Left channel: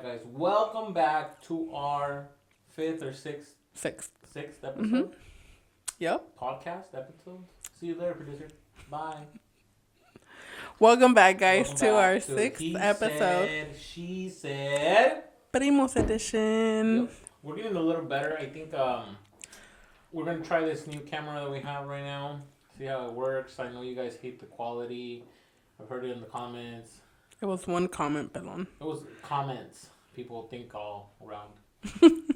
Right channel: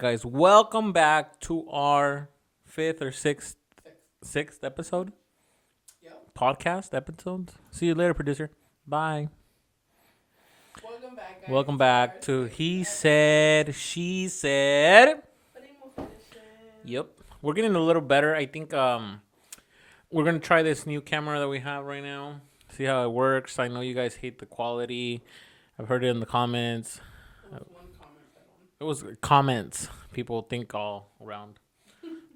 guys. Welcome back to our fifth or sixth episode. Mm-hmm. Yep. Podcast episode. See you later, producer. Bye. Welcome back, guys. Welcome to back our to sixth He episode. Said, She Said. Primos edition. Yep. We're getting a little better. I think we're going to try this new camera that we have right now. See how it works. I know you guys hate the quality. I've heard it in the comments. It was one comment, Pelon. It was comments. People think all around.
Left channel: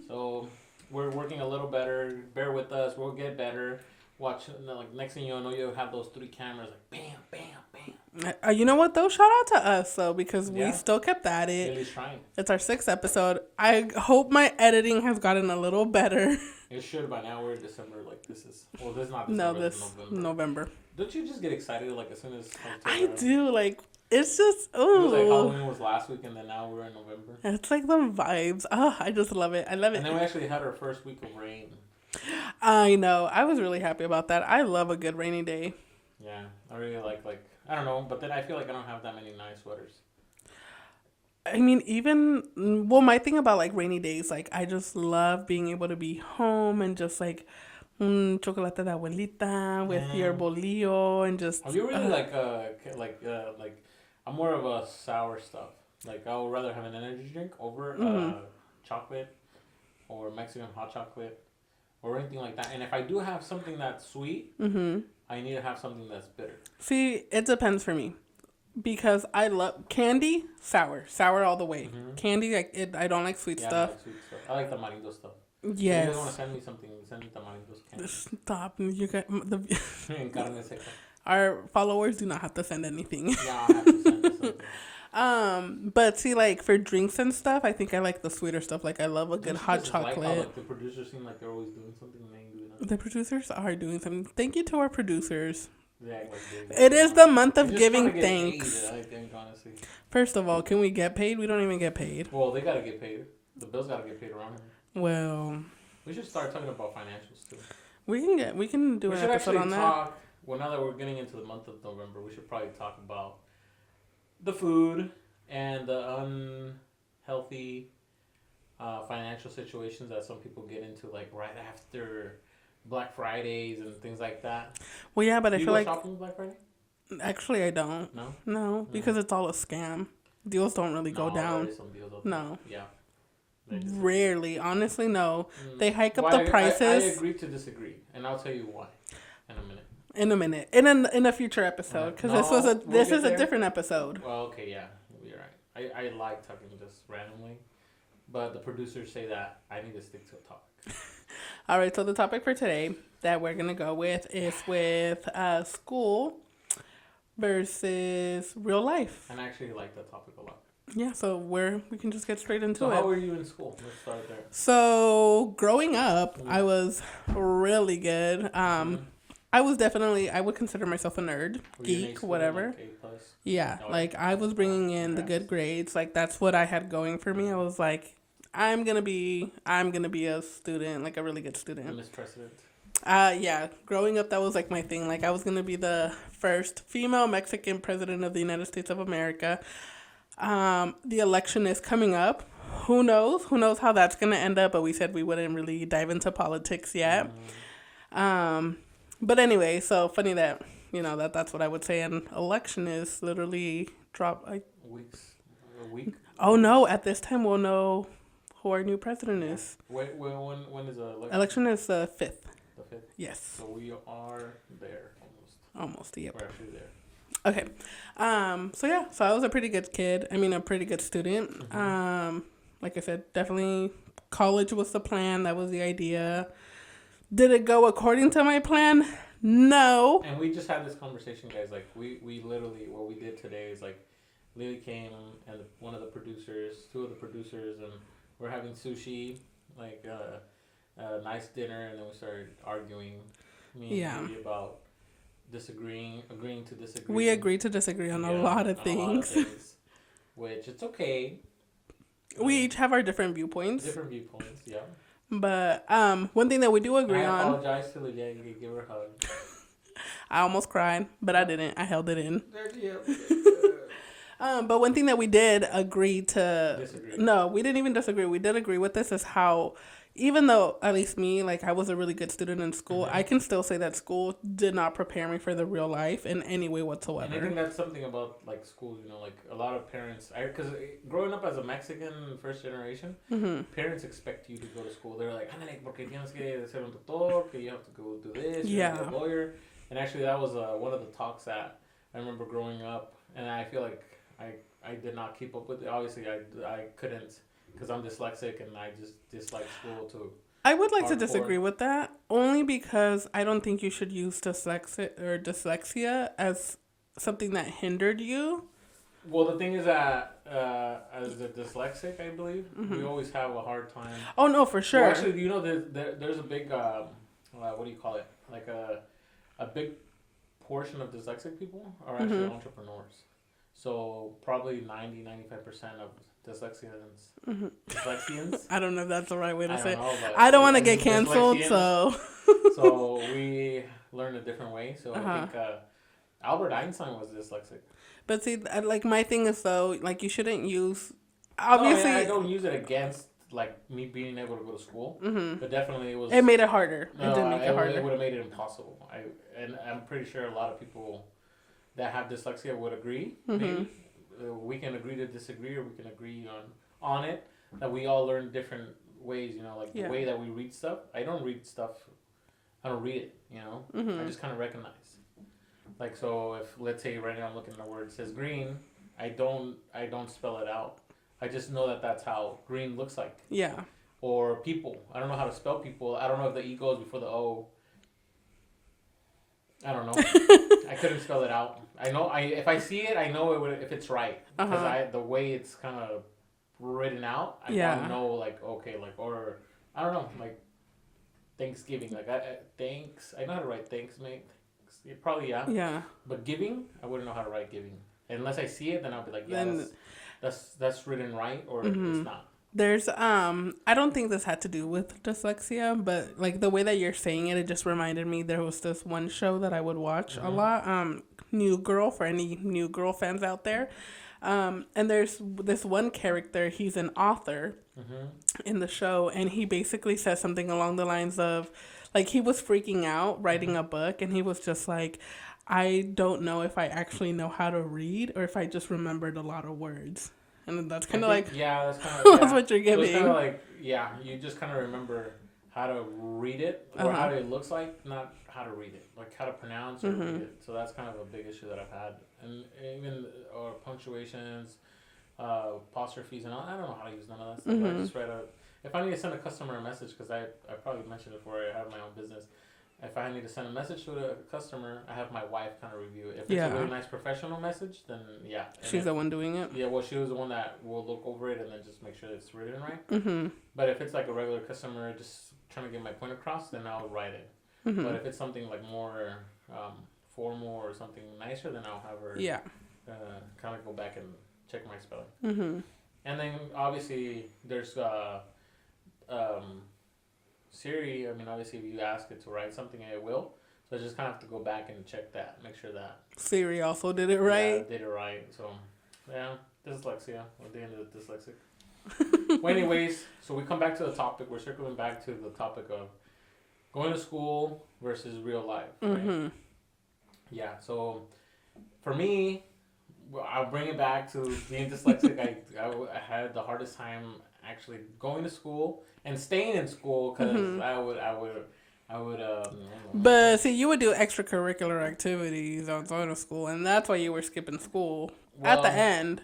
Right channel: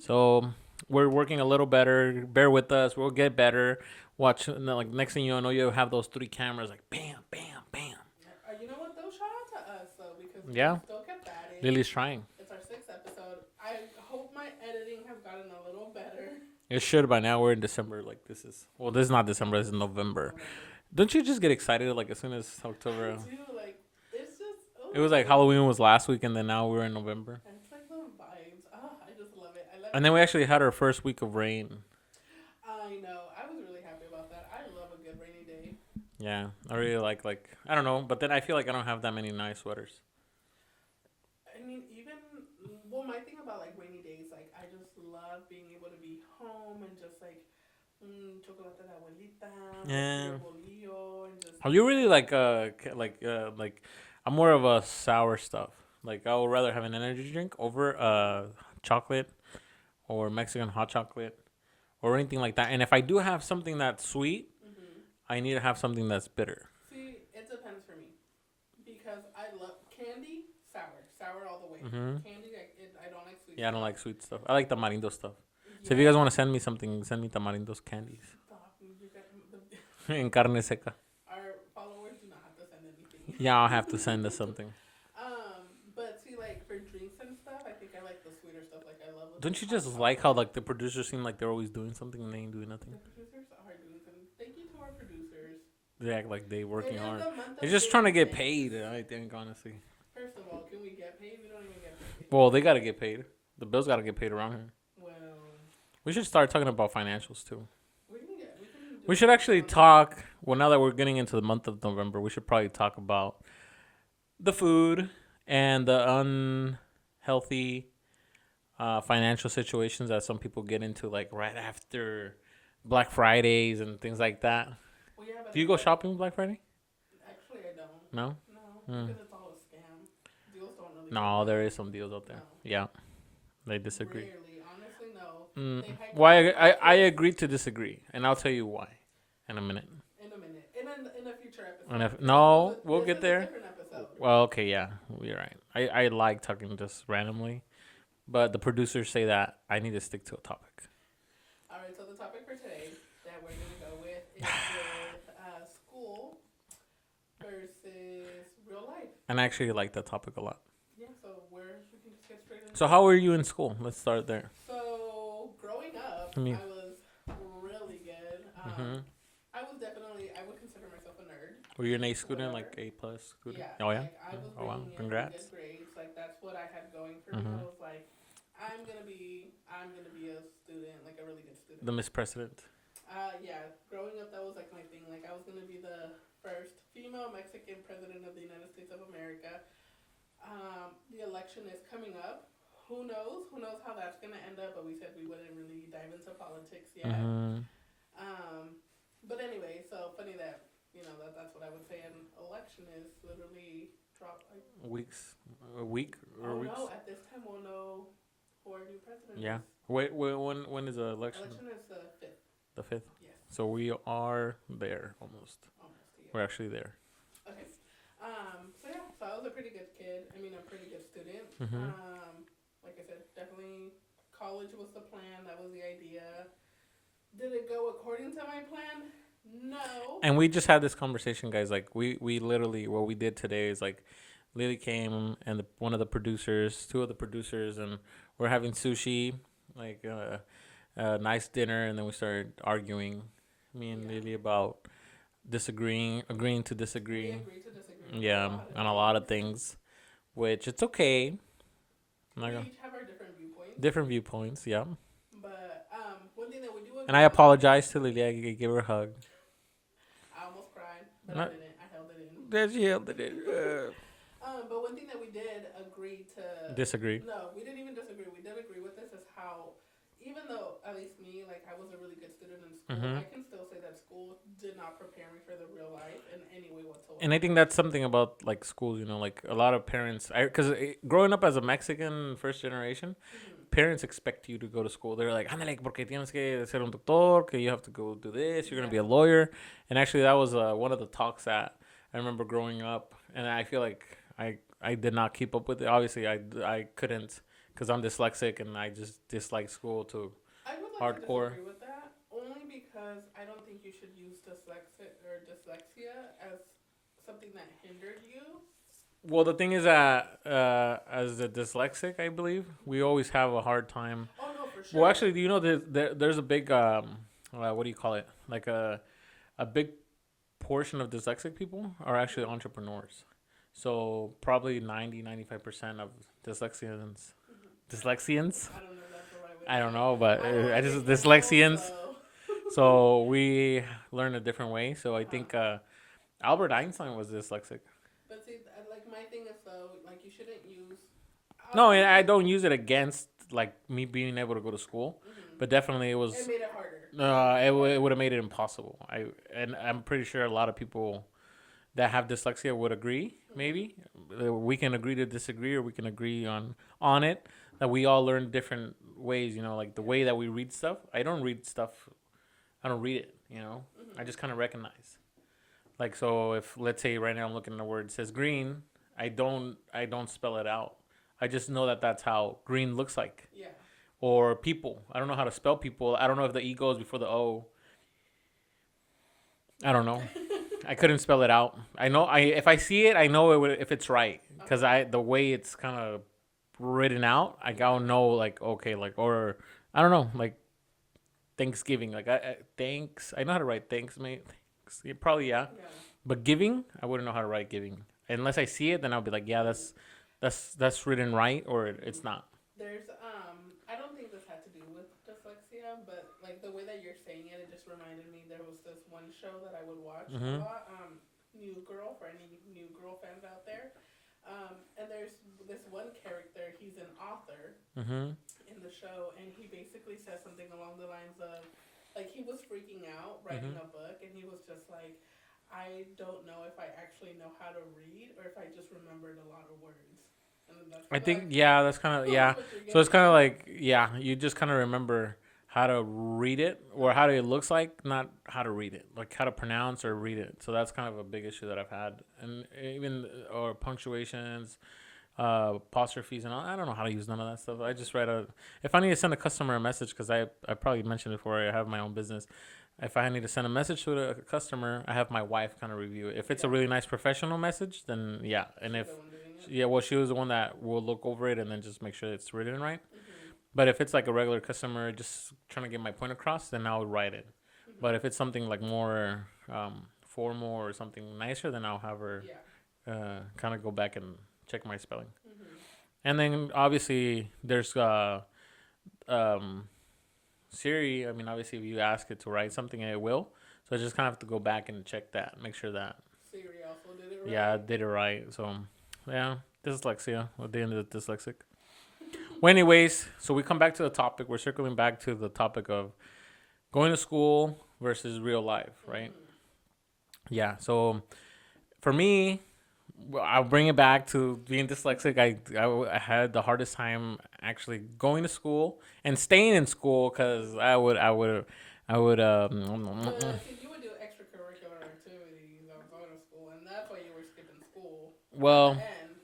So we're working a little better. Bear with us. We'll get better. Watch, like, next thing you know, you'll have those three cameras, like, bam, bam, bam. You know what, though? Shout out to us, though, because we still kept at it. Lily's trying. It's our sixth episode. I hope my editing has gotten a little better. It should by now. We're in December. Like, this is not December. This is November. Don't you just get excited, like, as soon as October? I do. Like, it's just, ooh. It was like Halloween was last week, and then now we're in November. It's like the vibes. Oh, I just love it. I love it. And then we actually had our first week of rain. I know. I was really happy about that. I love a good rainy day. Yeah. I really like, I don't know. But then I feel like I don't have that many nice sweaters. I mean, my thing about, like, rainy days, like, I just love being able to be home and just, like, chocolate de abuelita with your bolillo and just... Are you really, like, I'm more of a sour stuff. Like, I would rather have an energy drink over chocolate or Mexican hot chocolate or anything like that. And if I do have something that's sweet, I need to have something that's bitter. See, it depends for me. Because I love candy, sour all the way. Candy, I don't like sweet stuff. Yeah, I don't like sweet stuff. I like tamarindo stuff. Yes. So if you guys want to send me something, send me tamarindo's candy. Stop. You got En carne seca. Our followers do not have to send anything. Yeah, I'll have to send us something. But see, like, for drinks and stuff, I think I like the sweeter stuff. Like, I love a good hot chocolate. Like how, like, the producers seem like they're always doing something and they ain't doing nothing. The producers are doing something. Thank you to our producers. Yeah, like they work. It is the month of giving thanks. Just trying to get paid, I think, honestly. First of all, can we get paid? We don't even get paid. Well, they gotta get paid. The bills gotta get paid around here. Well, we should start talking about financials too. We can do. We should actually talk. Well, now that we're getting into the month of November, we should probably talk about the food and the unhealthy financial situations that some people get into, like right after Black Fridays and things like that. Well, yeah, but do you go shopping Black Friday? Actually, I don't. No, because it's all a scam. Deals don't really go down. No, there is some deals out there. No. Yeah. They disagree. Rarely. Honestly, no. They hike up the prices. I agree to disagree, and I'll tell you why in a minute. In a future episode. Because this is a different episode. Well, okay, yeah. You're right. I like talking just randomly, but the producers say that I need to stick to a topic. All right, so the topic for today that we're going to go with is with school versus real life. And I actually like that topic a lot. Yeah, so we can just get straight into it. So how were you in school? Let's start there. So growing up, I was really good. I would consider myself a nerd. Were you an A student, whatever. Like A+? Yeah, I was bringing in the good grades. Like, that's what I had going for me. I was like, I'm gonna be a student, like a really good student. The Miss President. Yeah. Growing up, that was like my thing. Like, I was gonna be the first female Mexican president of the United States of America. The election is coming up. Who knows? Who knows how that's gonna end up? But we said we wouldn't really dive into politics yet. But anyway, so funny that that's what I would say. An election is literally a week. Oh no! At this time, we'll know who our new president is. Wait, when is the election? Election is the 5th. The 5th? Yes. So we are there almost. Almost, yeah. We're actually there. Okay. So I was a pretty good kid. I mean, a pretty good student. Like I said, definitely college was the plan. That was the idea. Did it go according to my plan? No. And we just had this conversation, guys. Like, we literally, what we did today is, like, Lily came and two of the producers, and we're having sushi, like a nice dinner, and then we started arguing, me and Lily, about agreeing to disagree. We agreed to disagree on a lot of things. Which it's okay. We each have our different viewpoints. Yeah. But one thing that we do agree on. And I apologize to Lily. I gave her a hug. I almost cried, but I didn't. I held it in. Then she held it in. But one thing that we did agree to Disagree. No, we didn't even disagree. We did agree with this is how, even though at least me, like I was a really good student in school, I can still say that school did not prepare me for the real life in any way whatsoever. And I think that's something about like schools, you know, like a lot of parents, because growing up as a Mexican first generation, parents expect you to go to school. They're like, ándale, porque tienes que ser un doctor, que you have to go do this, you're gonna be a lawyer. And actually, that was one of the talks that I remember growing up, and I feel like I did not keep up with it. Obviously, I couldn't because I'm dyslexic and I just dislike school too. I would like to Hardcore. disagree with that only because I don't think you should use dyslexia as something that hindered you. Well, the thing is that as a dyslexic, I believe we always have a hard time. Oh no, for sure. Well, actually, do you know there's a big what do you call it? Like a big portion of dyslexic people are actually entrepreneurs. So probably 95% of dyslexians. Dyslexians? I don't know if that's the right way to I say don't it. know, but I don't want to get canceled, dyslexians. so. So we learn a different way. So I think Albert Einstein was dyslexic. But see, like my thing is though, like you shouldn't use. No, Obviously, and I don't use it against like me being able to go to school, but definitely it was. it made it harder. It would have made it impossible. I'm pretty sure a lot of people that have dyslexia would agree. Maybe we can agree to disagree, or we can agree on it. That we all learn different ways. You know, like the way that we read stuff. I don't read stuff. I don't read it. You know, I just kind of recognize. Like, so if let's say right now I'm looking at a word, it says green. I don't spell it out. I just know that that's how green looks like. Yeah. Or people. I don't know how to spell people. I don't know if the E goes before the O. I don't know. I couldn't spell it out. I know if I see it, I know it would, if it's right, because the way it's kind of written out, I don't know, like, okay, like, or I don't know, like Thanksgiving, like thanks. I know how to write thanks, mate. Probably Yeah. But giving, I wouldn't know how to write giving unless I see it. Then I'll be like, yeah, that's written right, or it's not. There's I don't think this had to do with dyslexia, but like the way that you're saying it, it just reminded me there was this one show that I would watch a lot, New Girl, for any New Girl fans out there. And there's this one character, he's an author in the show, and he basically says something along the lines of, like, he was freaking out writing a book, and he was just like, I don't know if I actually know how to read or if I just remembered a lot of words. And that's kind of like... Yeah, that's kind of... that's what you're getting. So it's kind of like, yeah, you just kind of remember how to read it, or how it looks like, not how to read it. Like how to pronounce or read it. So that's kind of a big issue that I've had. And even, or punctuations, apostrophes, and all. I don't know how to use none of that stuff. I just write a... If I need to send a customer a message, because I probably mentioned it before, I have my own business. If I need to send a message to a customer, I have my wife kind of review it. If it's a really nice professional message, then yeah. And she's the one doing it? Yeah, well, she was the one that will look over it and then just make sure it's written right. But if it's like a regular customer just trying to get my point across, then I'll write it. But if it's something like more formal or something nicer, then I'll have her kind of go back and check my spelling. And then obviously there's... Siri, I mean, obviously, if you ask it to write something, it will. So I just kind of have to go back and check that, make sure that Siri also did it right. Yeah, did it right. So, yeah, dyslexia, at the end of the dyslexic. Well, anyways, so we come back to the topic. We're circling back to the topic of going to school versus real life, right? Yeah, so for me, I'll bring it back to being dyslexic. I had the hardest time actually going to school and staying in school because I would But see, you would do extracurricular activities outside of school, and that's why you were skipping school at the end.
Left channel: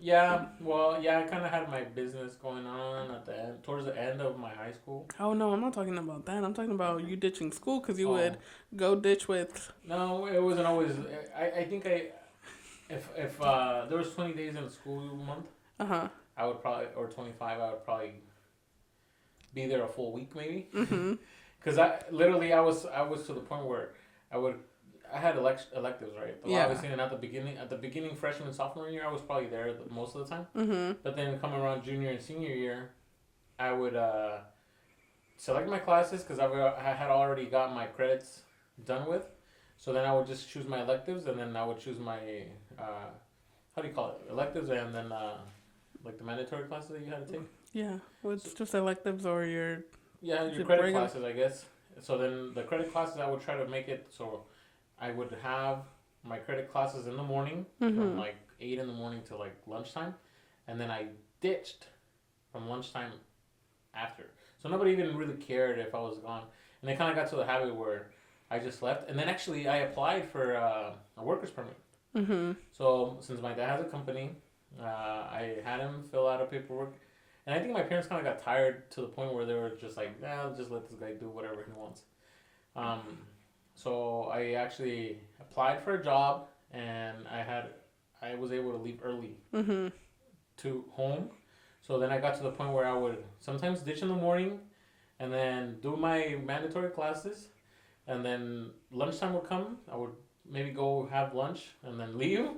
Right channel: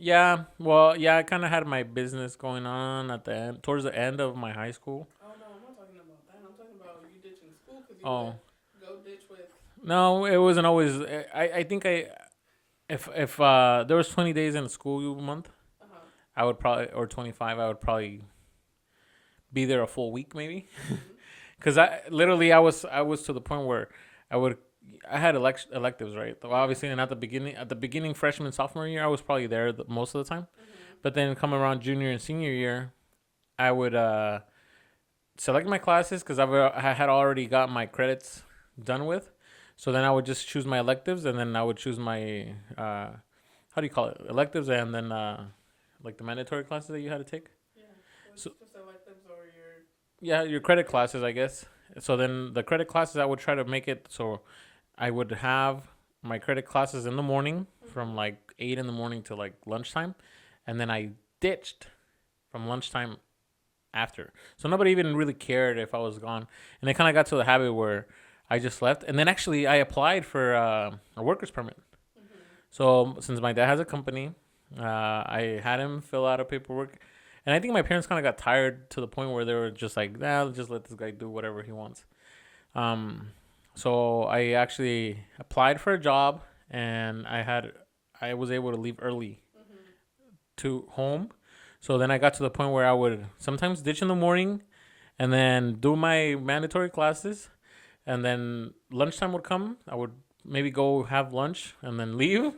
Yeah, well, yeah, I kind of had my business going on at the end, towards the end of my high school. Oh no, I'm not talking about that. I'm talking about you ditching school because you would go ditch with. No, it wasn't always. I think if there was 20 days in a school month, I would probably, or 25, I would probably be there a full week maybe. Because I was to the point where I had electives, right? Obviously, and at the beginning freshman, sophomore year, I was probably there most of the time. But then come around junior and senior year, I would select my classes because I had already got my credits done with. So then I would just choose my electives, and then I would choose my how how do you call it, electives, and then like the mandatory classes that you had to take. Yeah, it's just electives or your. Yeah, your Your credit regular- classes, I guess. So then the credit classes, I would try to make it so I would have my credit classes in the morning from like 8 in the morning to like lunchtime, and then I ditched from lunchtime after. So nobody even really cared if I was gone, and it kind of got to the habit where I just left. And then actually I applied for a worker's permit. So since my dad has a company, I had him fill out a paperwork. And I think my parents kind of got tired to the point where they were just like, nah, just let this guy do whatever he wants. So I actually applied for a job, and I was able to leave early to home. So then I got to the point where I would sometimes ditch in the morning and then do my mandatory classes. And then lunchtime would come. I would maybe go have lunch and then leave.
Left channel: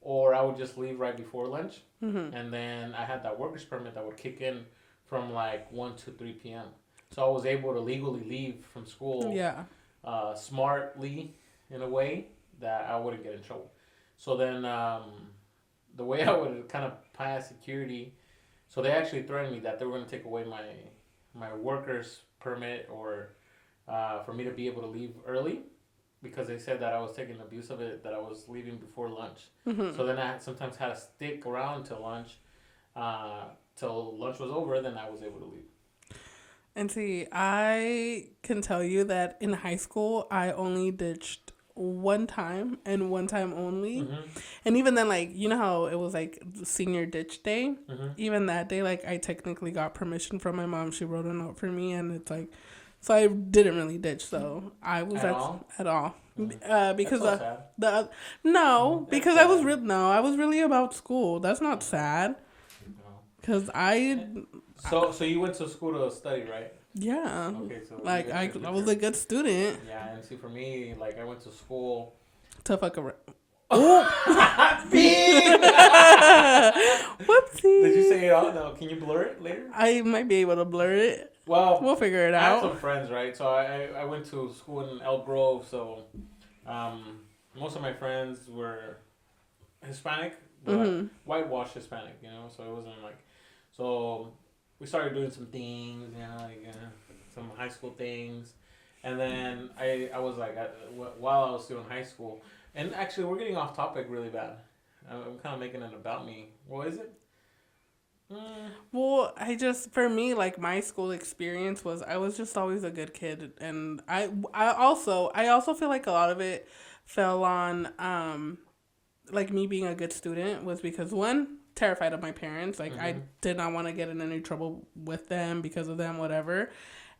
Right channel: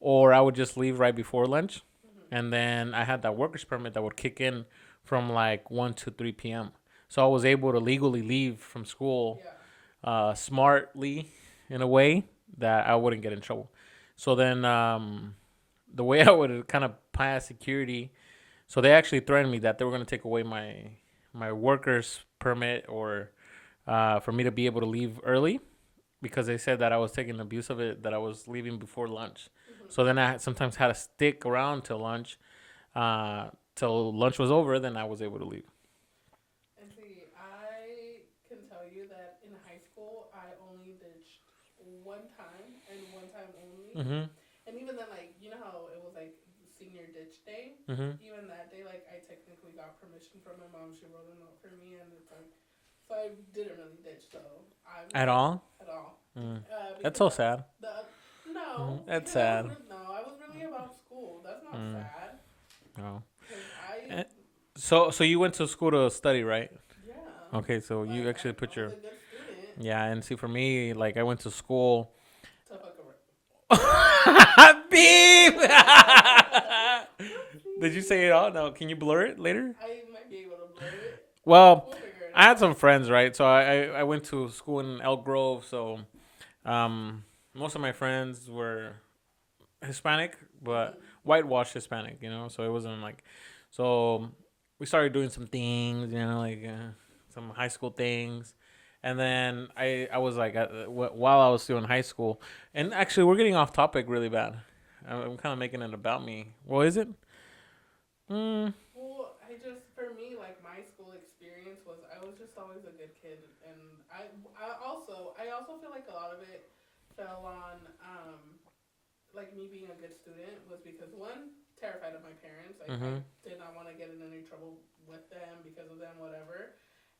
Or I would just leave right before lunch. And then I had that worker's permit that would kick in from like 1 to 3 p.m. So I was able to legally leave from school smartly in a way that I wouldn't get in trouble. So then the way I would kind of pass security, so they actually threatened me that they were going to take away my worker's permit or for me to be able to leave early, because they said that I was taking abuse of it, that I was leaving before lunch. So then I sometimes had to stick around till lunch was over. Then I was able to leave. And see, I can tell you that in high school, I only ditched one time and one time only. And even then, like, you know how it was like senior ditch day? Even that day, like, I technically got permission from my mom. She wrote a note for me, and it's like, so I didn't really ditch. So I was At all? At all. That's Because so sad. No, That's because sad. I was really about school. That's not sad. No. Because So you went to school to study, right? yeah. Okay, so Like, you actually I put was your... a good student. Yeah, and see, for me, like, I went to school... To fuck around. Beep! Whoopsie. Did you say it all? No, can you blur it later? I might be able to blur it. Well, We'll figure it out. I had some friends, right? So I went to school in Elk Grove, so most of my friends were Hispanic, but whitewashed Hispanic, you know? So it wasn't like... So we started doing some things, you know, like some high school things. And then I was like, while I was still in high school... And actually, we're getting off topic really bad. I'm kind of making it about me. Well, is it? Well, for me, like, my school experience was, I was just always a good kid. And I also feel like a lot of it fell on, like, me being a good student was because, one, terrified of my parents. Like, I did not want to get in any trouble with them because of them, whatever.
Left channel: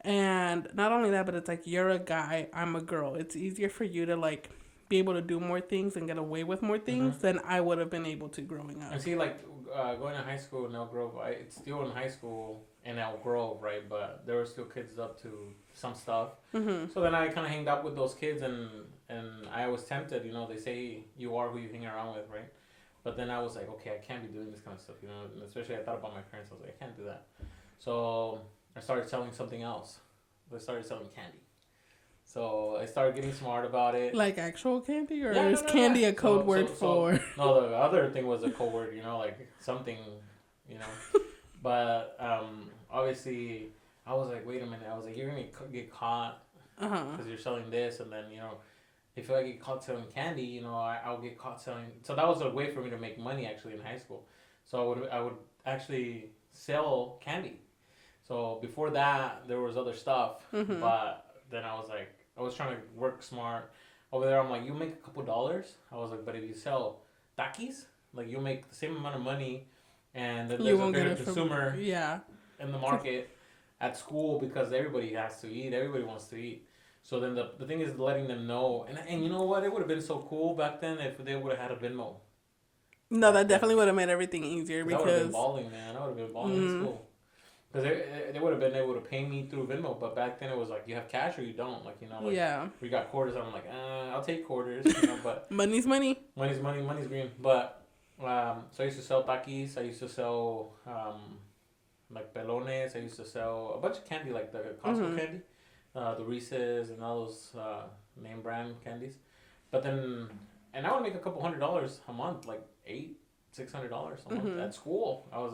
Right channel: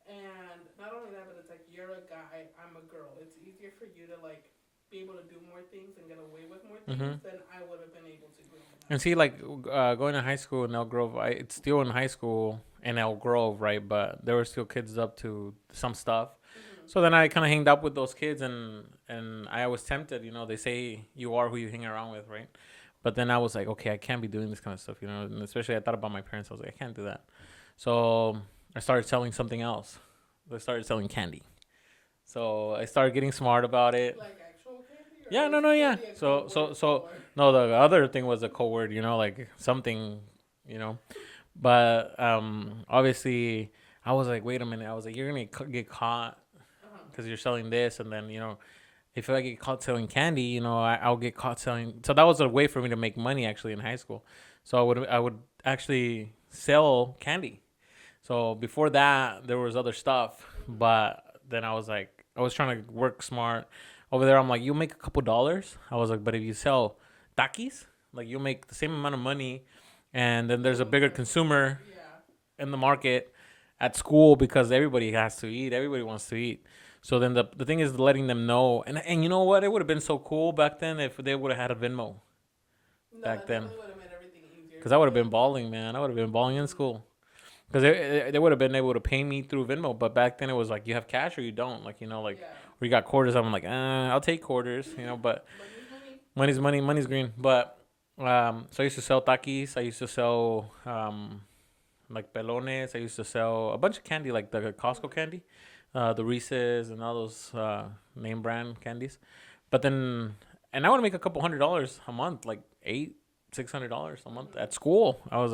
And not only that, but it's like, you're a guy, I'm a girl. It's easier for you to, like, be able to do more things and get away with more things than I would have been able to growing up. And see, like, going to high school in Elk Grove, it's still in high school in Elk Grove, right? But there were still kids up to some stuff. So then I kind of hanged out with those kids, and I was tempted, you know, they say you are who you hang around with, right? But then I was like, okay, I can't be doing this kind of stuff, you know, and especially I thought about my parents. I was like, I can't do that. So I started selling something else. I started selling candy. So I started getting smart about it. Like actual candy, or Yeah, is candy a code word for? No, the other thing was a code word, you know, like something, you know. But obviously, I was like, wait a minute. I was like, you're going to get caught because you're selling this. And then, you know, if I get caught selling candy, you know, I'll get caught selling. So that was a way for me to make money actually in high school. So I would actually sell candy. So before that, there was other stuff. But then I was like, I was trying to work smart. Over there, I'm like, you'll make a couple dollars. I was like, but if you sell Takis, like, you'll make the same amount of money. And then there's a bigger consumer in the market at school because everybody has to eat. Everybody wants to eat. So then the thing is letting them know. And you know what? It would have been so cool back then if they would have had a Venmo. No, that definitely would have made everything easier. Because I would have been balling, man. I would have been balling in school. Because they would have been able to pay me through Venmo. But back then it was like, you have cash or you don't. Like, you know, like, we got quarters. I'm like, I'll take quarters, you know, but. Money's money. Money's money. Money's green. But, so I used to sell Takis. I used to sell, like, pelones. I used to sell a bunch of candy, like the Costco candy. The Reese's and all those name brand candies. But then, and I would make a couple $100 a month, like $600 a month at school. I was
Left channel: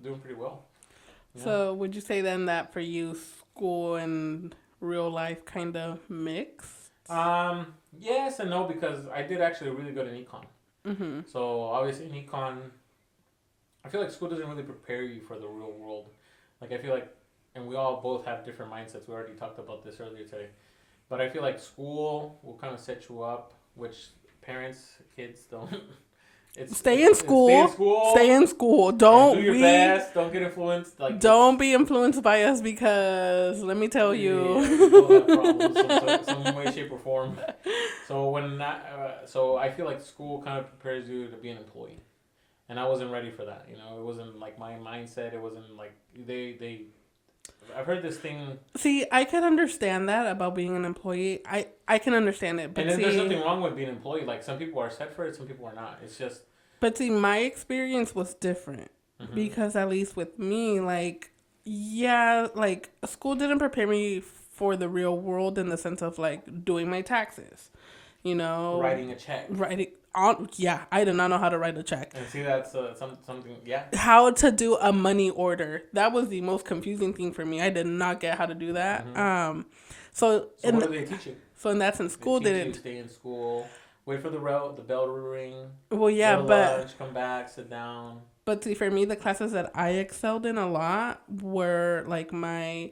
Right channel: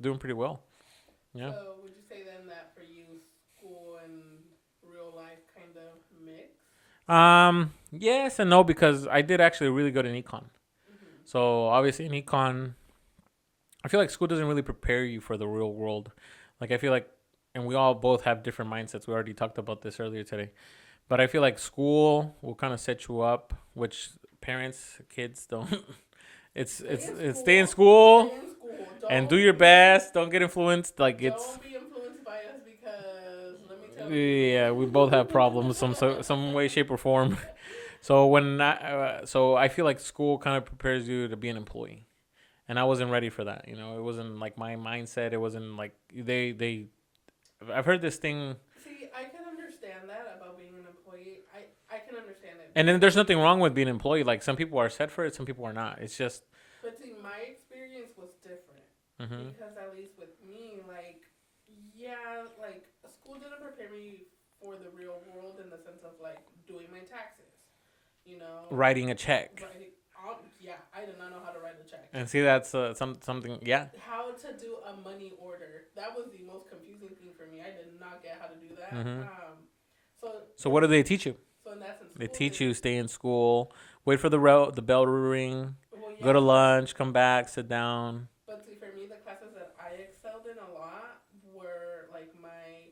doing pretty well. Yeah. So would you say then that for you, school and real life kind of mix? Yes and no, because I did actually really good in econ. Mm-hmm. So obviously in econ, I feel like school doesn't really prepare you for the real world. Like I feel like, and we all both have different mindsets. We already talked about this earlier today, but I feel like school will kind of set you up, which parents, kids don't. Stay in school. Stay in school. Stay in school. Don't and do your best. Don't get influenced. Like don't be influenced by us, because let me tell you. Yeah, we both have problems some way, shape, or form. So so I feel like school kind of prepares you to be an employee, and I wasn't ready for that. You know, it wasn't like my mindset. It wasn't like they. I've heard this thing. See, I can understand that about being an employee. I can understand it. And then there's nothing wrong with being an employee. Like some people are set for it, some people are not. It's just. But see, my experience was different because at least with me, like, yeah, like school didn't prepare me for the real world in the sense of like doing my taxes, you know, writing a check. Yeah, I did not know how to write a check. And see, that's something. Yeah. How to do a money order. That was the most confusing thing for me. I did not get how to do that. So what do they teach you? So in that sense, school they teach you stay in school, wait for the bell to ring. Well, yeah, go to lunch, come back, sit down. But see, for me, the classes that I excelled in a lot were like my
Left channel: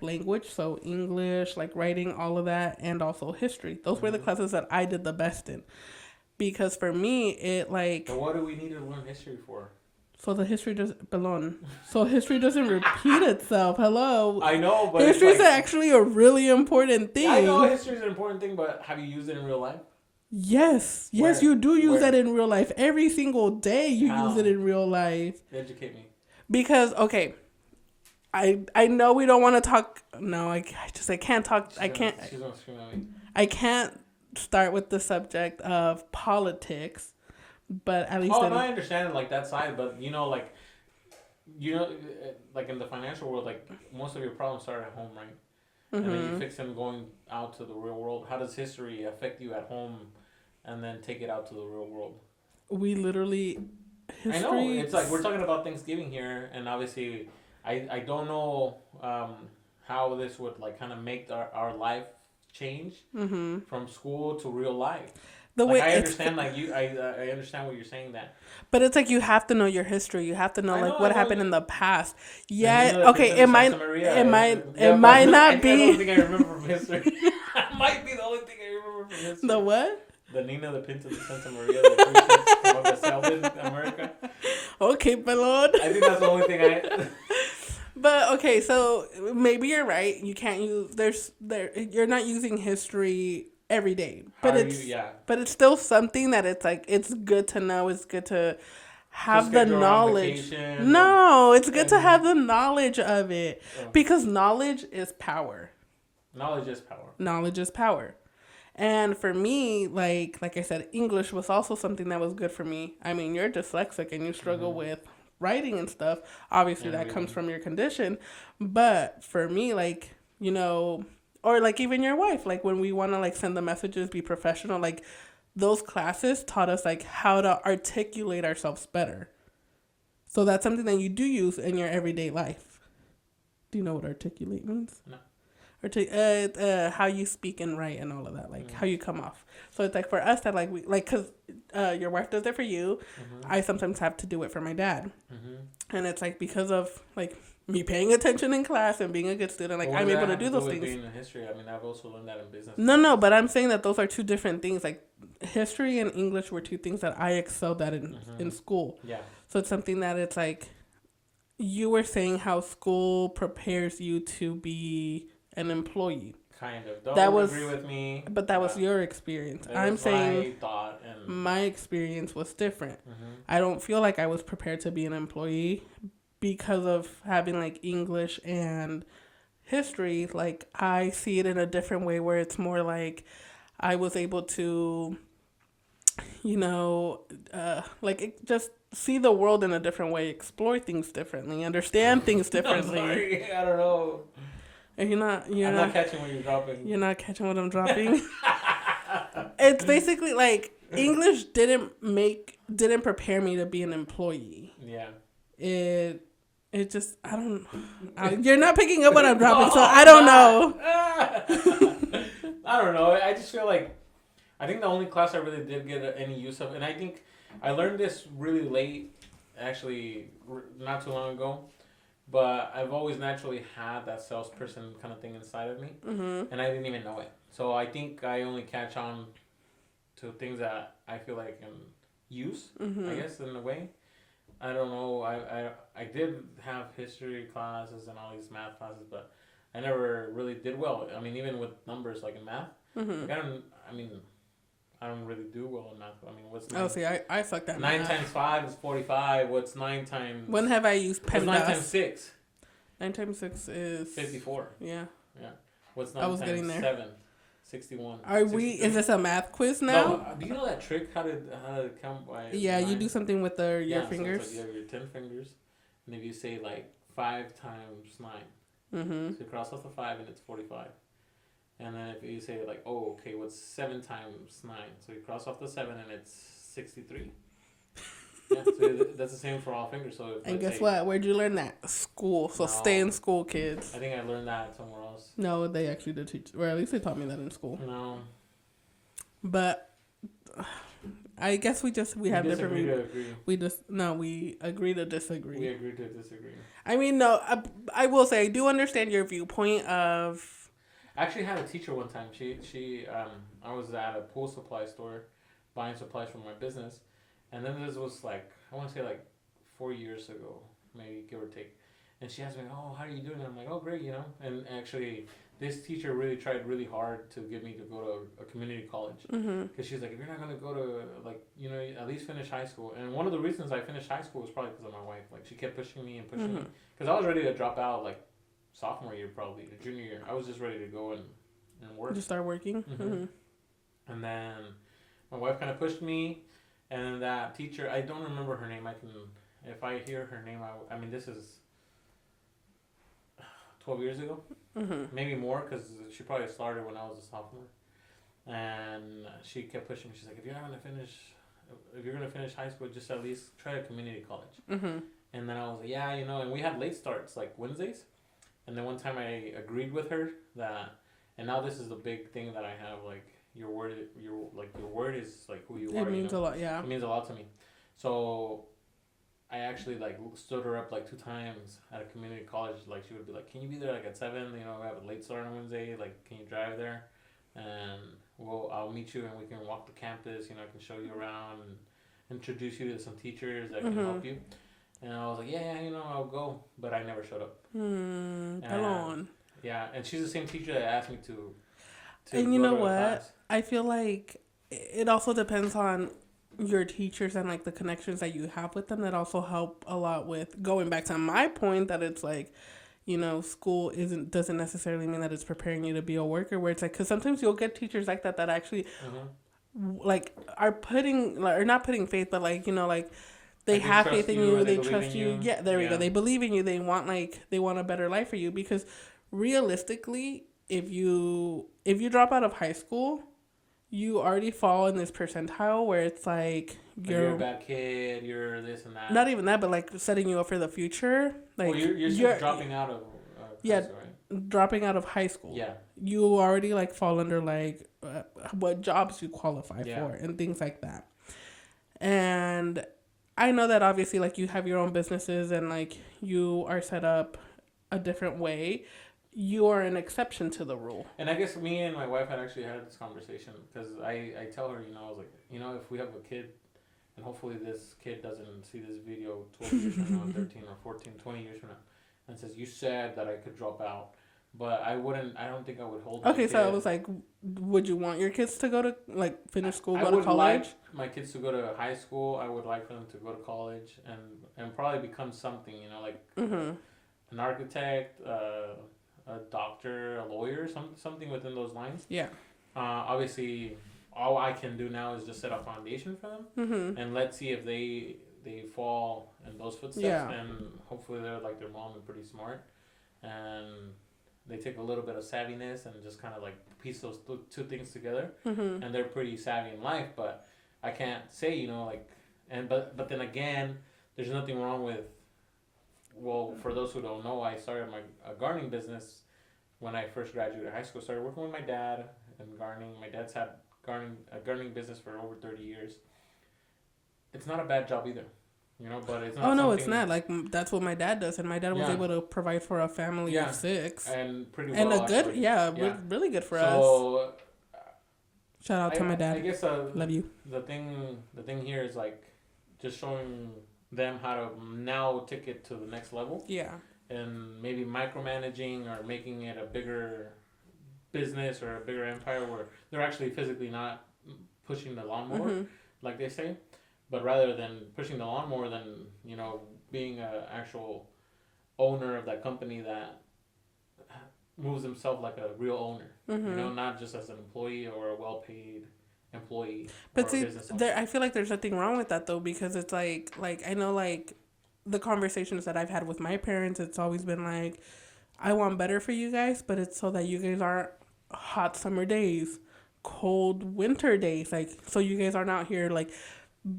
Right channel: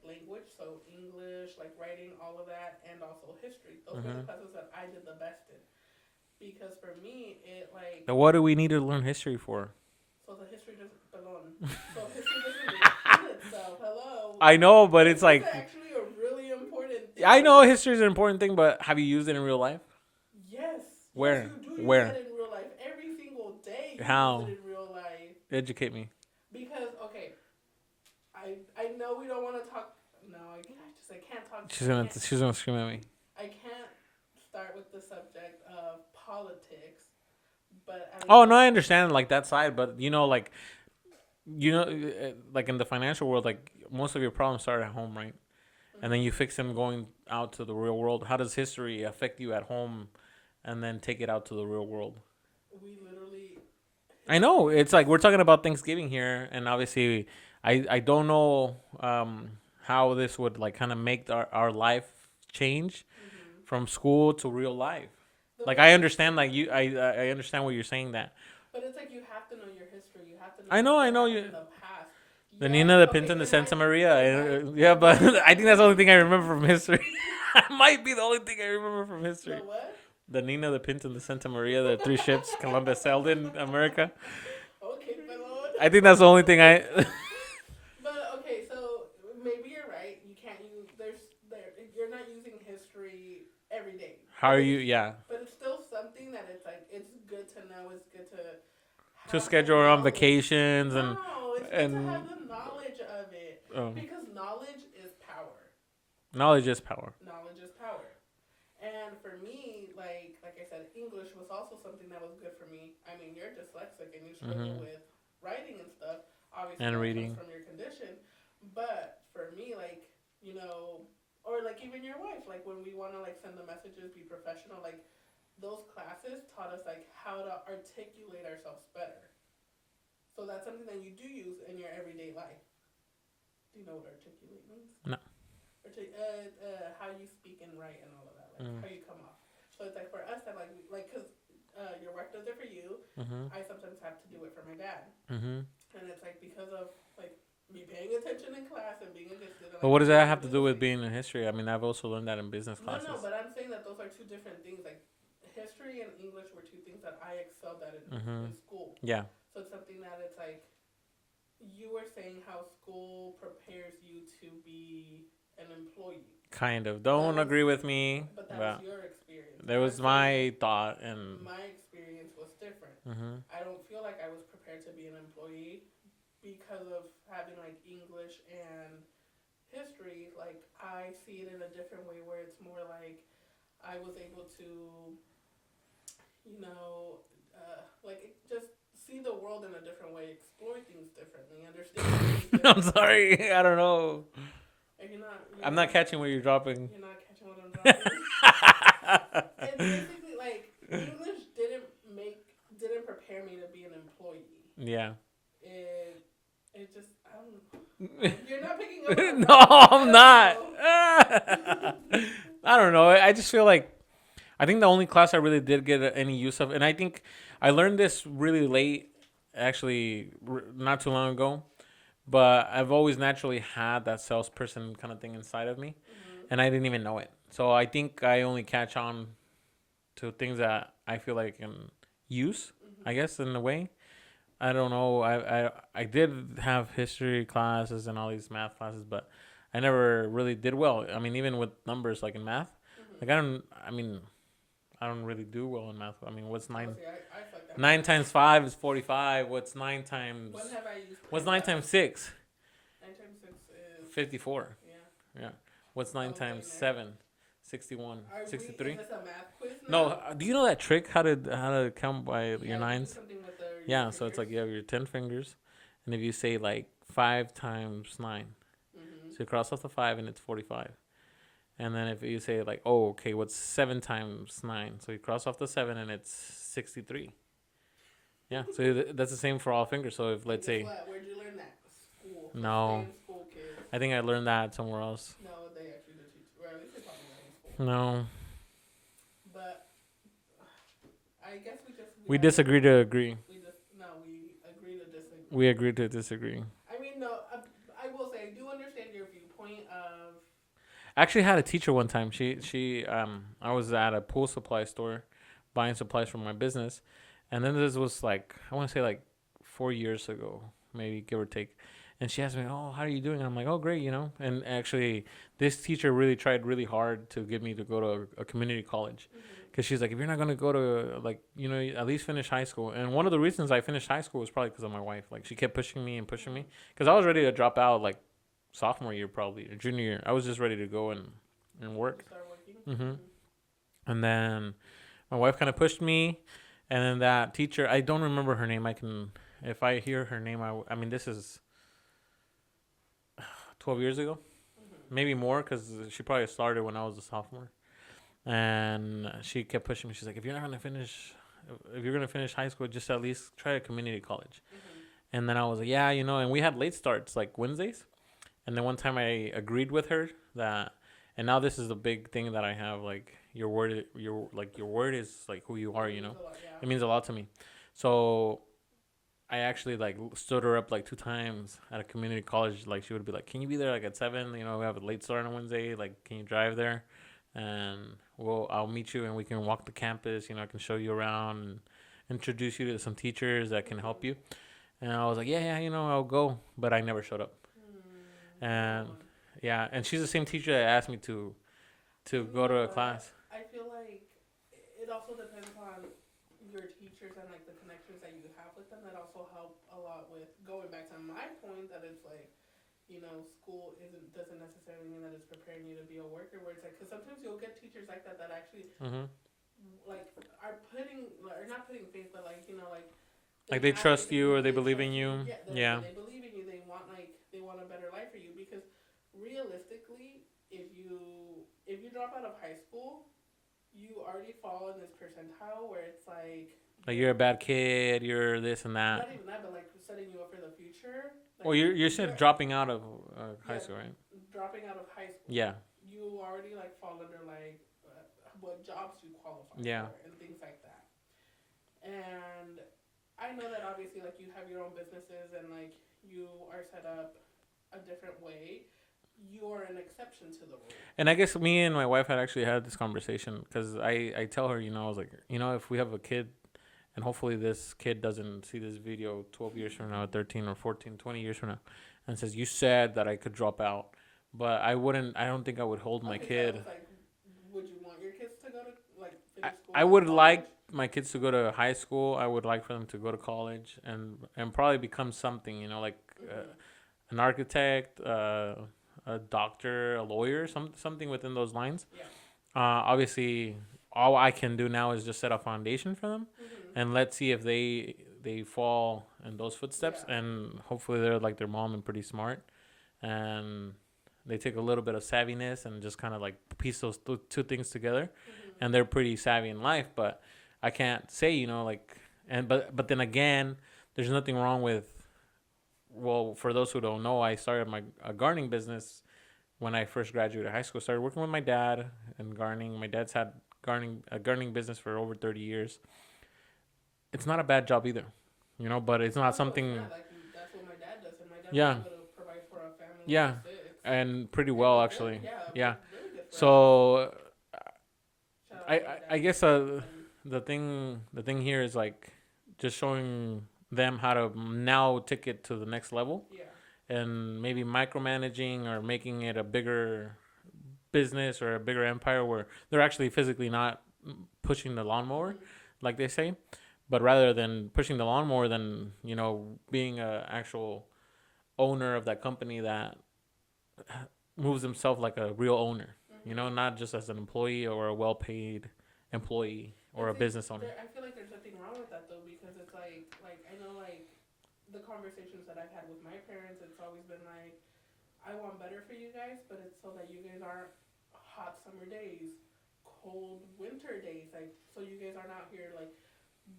language, so English, like writing, all of that, and also history. Those were the classes that I did the best in. Because for me, it like... And what do we need to learn history for? So the history doesn't belong. So history doesn't repeat itself. Hello. I know, but history it's like... is actually a really important thing. I know history is an important thing, but have you used it in real life? Yes. Where? Yes, you do use Where? that in real life. Every single day you use it in real life. Educate me. Because, okay, I know we don't want to talk... No, I can't talk... She's going to scream at me. I can't start with the subject of politics, but at least I understand like that side, but like in the financial world, like most of your problems start at home, right? And then you fix them going out to the real world. How does history affect you at home and then take it out to the real world? We literally I know it's like we're talking about Thanksgiving here, and obviously I don't know how this would like kind of make our life change from school to real life. I understand, I understand what you're saying that. But it's like you have to know your history. You have to know what happened in the past. Yeah, okay. It might not be. I think that's the only thing I remember from history. It might be the only thing I remember from history. The what? The Nina, the Pinta, the Santa Maria, the 3 ships Columbus sailed in America. Okay, pelon. I think that's the only thing I. But okay, so maybe you're right. You can't use you're not using history every day. How are you? Yeah. But it's still something that it's like it's good to know. It's good to have the knowledge. On vacation. No, it's good to have the knowledge of it because knowledge is power. Knowledge is power. Knowledge is power. And for me, like I said, English was also something that was good for me. I mean, you're dyslexic and you struggle with writing and stuff. Obviously, that comes from your condition. But for me, like, you know, or like even your wife, like when we want to like send the messages, be professional, like those classes taught us like how to articulate ourselves better. So that's something that you do use in your everyday life. Do you know what articulate means? No. How you speak and write and all of that, like how you come off. So it's like for us that like we like because your wife does it for you. I sometimes have to do it for my dad, and it's like because of like me paying attention in class and being a good student. Like, what does that have to do with being in history? I mean, I've also learned that in business. No, but I'm saying that those are two different things. Like history and English were two things that I excelled at in school. Yeah. So it's something that it's like you were saying how school prepares you to be an employee. Kind of. Don't agree with me. But that was your experience. That was my thought. And my experience was different. I don't feel like I was prepared to be an employee because of having like English and history. Like I see it in a different way where it's more like I was able to, you know, just see the world in a different way, explore things differently, understand things differently. I'm sorry. I don't know. And I'm not catching what you're dropping. You're not catching what I'm dropping? It's basically like English didn't prepare me to be an employee. Yeah. It just you're not picking up what I'm No, dropping, so I don't know. I don't know. I just feel like I think the only class I really did get any use of, and I think I learned this really late, actually, not too long ago. But I've always naturally had that salesperson kind of thing inside of me, and I didn't even know it. So I think I only catch on to things that I feel like I can use, I guess, in a way. I don't know. I did have history classes and all these math classes, but I never really did well. I mean, even with numbers, like in math, like I don't really do well in math. I mean, what's 9? Oh, see, I sucked at 9 math. times 5 is 45. What's 9 times? When have I used What's 9 PEMDAS? times 6? 9 times 6 is 54. Yeah. Yeah. What's I 9 was getting times there. 7? 61. Are we? 63? Is this a math quiz now? No. Do you know that trick? How to count by Yeah, your you do nines? something with your Yeah. fingers. So it's like you have your 10 fingers, and if you say like 5 times 9, so you cross off the 5 and it's 45. And then if you say like, oh, okay, what's 7 times 9? So you cross off the 7 and it's 63. Yeah, so that's the same for all fingers. So if And let's guess say, what? Where'd you learn that? School. So No. stay in school, kids. I think I learned that somewhere else. No, they actually did teach. Or at least they taught me that in school. No, But I guess we we have disagree to different- agree. we agree to disagree. We agree to disagree. I mean, no, I will say I do understand your viewpoint of. I actually had a teacher one time. I was at a pool supply store buying supplies for my business, and then this was like, I want to say like 4 years ago, maybe, give or take. And she asked me, "Oh, how are you doing?" And I'm like, "Oh, great, you know." And actually, this teacher really tried really hard to get me to go to a community college, because she's like, "If you're not gonna go to, like, you know, at least finish high school." And one of the reasons I finished high school was probably because of my wife. Like, she kept pushing me and pushing me, because I was ready to drop out like sophomore year, probably, or junior year. I was just ready to go and work. To start working. And then my wife kind of pushed me, and then that teacher, I don't remember her name. If I hear her name, I mean, this is 12 years ago, maybe more, because she probably started when I was a sophomore. And she kept pushing me. She's like, if you're gonna finish high school, just at least try a community college. And then I was like, yeah, you know. And we had late starts like Wednesdays. And then one time I agreed with her that, and now this is a big thing that I have, like, your word is like who you are. It means you know? a lot, yeah. It means a lot to me. So I actually like stood her up like 2 times at a community college. Like, she would be like, "Can you be there like at 7? You know, we have a late start on Wednesday. Like, can you drive there? And I'll meet you and we can walk the campus. You know, I can show you around and introduce you to some teachers that can help you." And I was like, yeah, you know, I'll go. But I never showed up. Come on. Yeah, and she's the same teacher that asked me to And you go know to a what? class. I feel like it also depends on your teachers and like the connections that you have with them that also help a lot with going back to my point that it's like, you know, school doesn't necessarily mean that it's preparing you to be a worker, where it's like, because sometimes you'll get teachers like that actually like are putting, like, or not putting faith, but like, you know, like they Like, they have trust faith in you, you, or they they believe trust in you. you. Yeah, there we Yeah. go. They believe in you. They want a better life for you, because realistically, if you drop out of high school, you already fall in this percentile where it's like you're a bad kid, you're this and that. not even that, but like setting you up for the future. Like, Well, you're still dropping out of high school, right? Dropping out of high school. Yeah. You already like fall under like what jobs you qualify for and things like that. And I know that obviously like you have your own businesses and like you are set up a different way. You are an exception to the rule. And I guess me and my wife had actually had this conversation, because I tell her, you know, I was like, you know, if we have a kid, and hopefully this kid doesn't see this video 12 years from now, 13 or 14, 20 years from now, and says, you said that I could drop out. But I don't think I would hold my kid. Okay, so I was like, would you want your kids to go to, like, finish school? I go to would college? like my kids to go to high school. I would like for them to go to college and probably become something, you know, like an architect, a doctor, a lawyer, something within those lines. Yeah. Obviously, all I can do now is just set a foundation for them, and let's see if they fall in those footsteps. Yeah. And hopefully they're like their mom and pretty smart, and they take a little bit of savviness and just kind of like piece those two things together, and they're pretty savvy in life. But I can't say, you know, like, and but then again, there's nothing wrong with. Well, for those who don't know, I started a gardening business when I first graduated high school. Started working with my dad in gardening. My dad's had a gardening business for over 30 years. It's not a bad job either, you know, but it's not Oh no, something. it's not. Like that's what my dad does, and my dad was Yeah. able to provide for a family Yeah. of 6. And pretty And well, a actually. good, yeah, Yeah. really good for us. So Shout out to my dad. I guess Love you. the thing here is like just showing them how to now take it to the next level, Yeah. and maybe micromanaging or making it a bigger business or a bigger empire where they're actually physically not pushing the lawnmower, like they say, but rather than pushing the lawnmower, then, you know, being a actual owner of that company that moves himself like a real owner, you know, not just as an employee or a well-paid employee or a business owner. I feel like there's nothing wrong with that though, because it's like I know, like, the conversations that I've had with my parents, it's always been like, I want better for you guys, but it's so that you guys aren't hot summer days, cold winter days, like, so you guys are not here, like,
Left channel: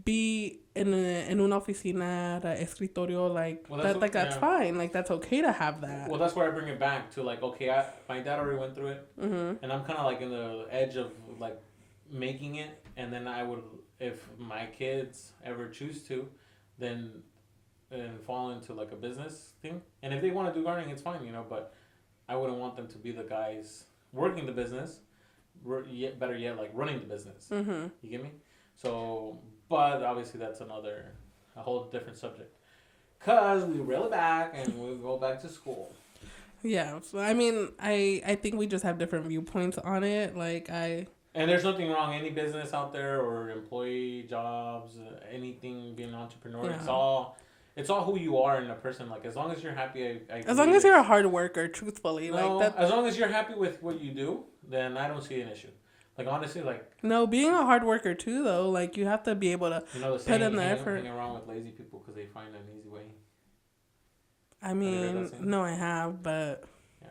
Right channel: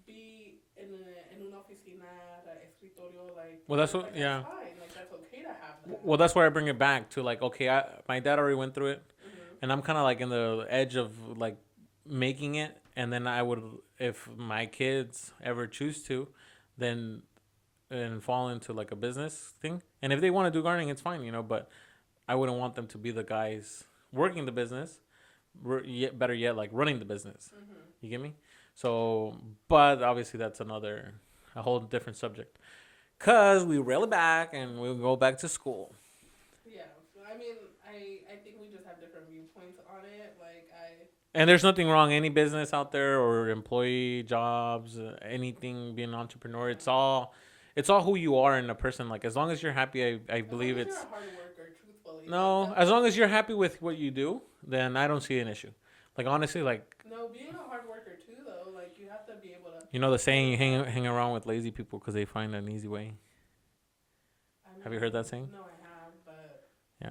be in una oficina, escritorio, like, Well, that's that's fine, like, that's okay to have that. Well, that's where I bring it back to, like, okay, my dad already went through it, and I'm kind of like in the edge of like making it, and then I would, if my kids ever choose to, then and fall into like a business thing, and if they want to do gardening, it's fine, you know, but I wouldn't want them to be the guys working the business, better yet, like running the business. You get me? So, but obviously that's a whole different subject, cause we reel it back and we'll go back to school. Yeah, so I mean, I think we just have different viewpoints on it. Like And there's nothing wrong, any business out there or employee jobs, anything, being an entrepreneur. Yeah. It's all who you are in a person. Like, as long as you're happy, as long as you're a hard worker, truthfully. No, like that, as long as you're happy with what you do, then I don't see an issue. Like, honestly, like... No, being a hard worker, too, though. Like, you have to be able to... You know the saying, you hang around with lazy people because they find an easy way? I mean... Have you heard that saying? No, I have, but... Yeah.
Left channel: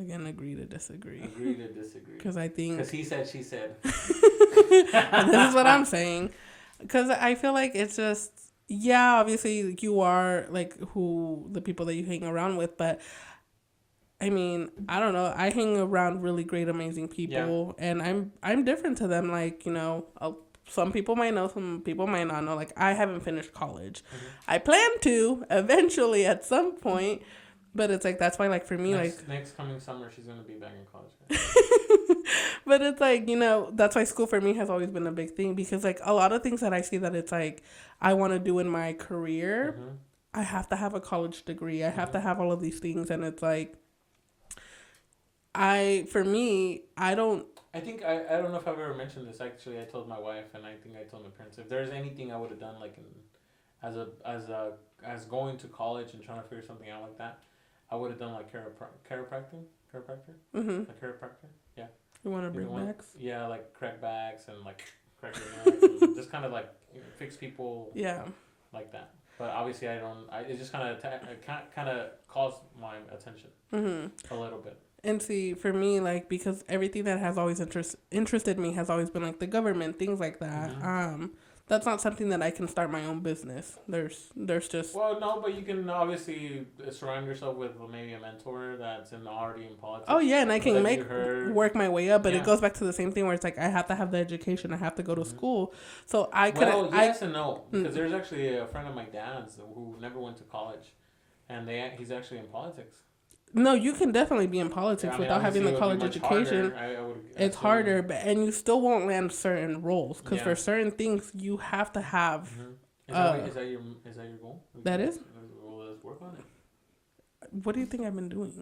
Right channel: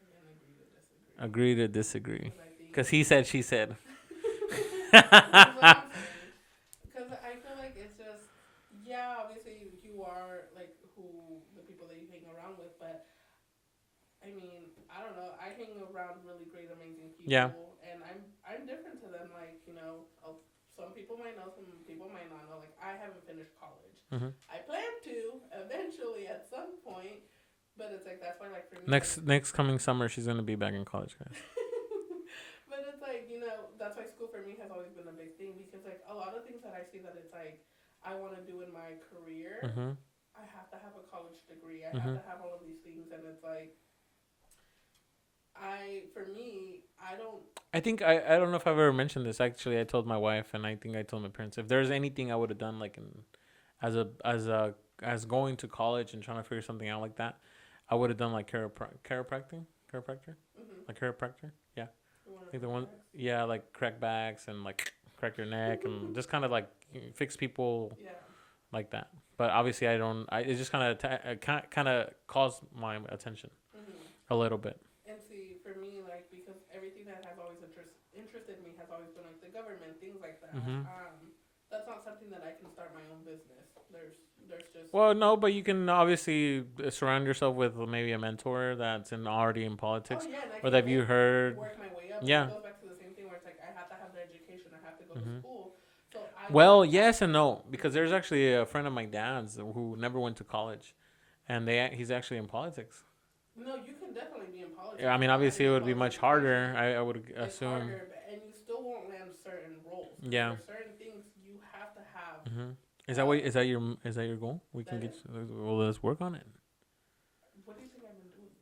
Again, agree to disagree. Agree to disagree. Because I think... Because he said, she said. This is what I'm saying. Because I feel like it's just... Yeah, obviously, you are, like, the people that you hang around with, but... I mean, I don't know. I hang around really great, amazing people, and I'm different to them. Like, you know, some people might know, some people might not know. Like, I haven't finished college. I plan to eventually at some point, but it's like that's why, like, for me, next coming summer, she's gonna be back in college, guys. But it's like, you know, that's why school for me has always been a big thing, because like a lot of things that I see that it's like I want to do in my career, I have to have a college degree. I have to have all of these things, and it's like. I don't know if I've ever mentioned this. Actually, I told my wife, and I think I told my parents, if there's anything I would have done, like as going to college and trying to figure something out like that, I would have done like chiropractor, like chiropractor. Yeah. You want to bring backs? Yeah, like crack backs and like crack your neck and just kind of like fix people. Yeah. Like that. But obviously, it just kind of caused my attention a little bit. And see, for me, like, because everything that has always interested me has always been, like, the government, things like that. That's not something that I can start my own business. There's just... Well, no, but you can obviously surround yourself with maybe a mentor that's already in politics. Oh, yeah, and I can work my way up, but it goes back to the same thing where it's like, I have to have the education, I have to go to school. So yes and no, because there's actually a friend of my dad's who never went to college, and he's actually in politics. No, you can definitely be in politics without having a college education. It's harder, and you still won't land certain roles because for certain things you have to have. Is that your goal? Well, let's work on it. What do you think I've been doing?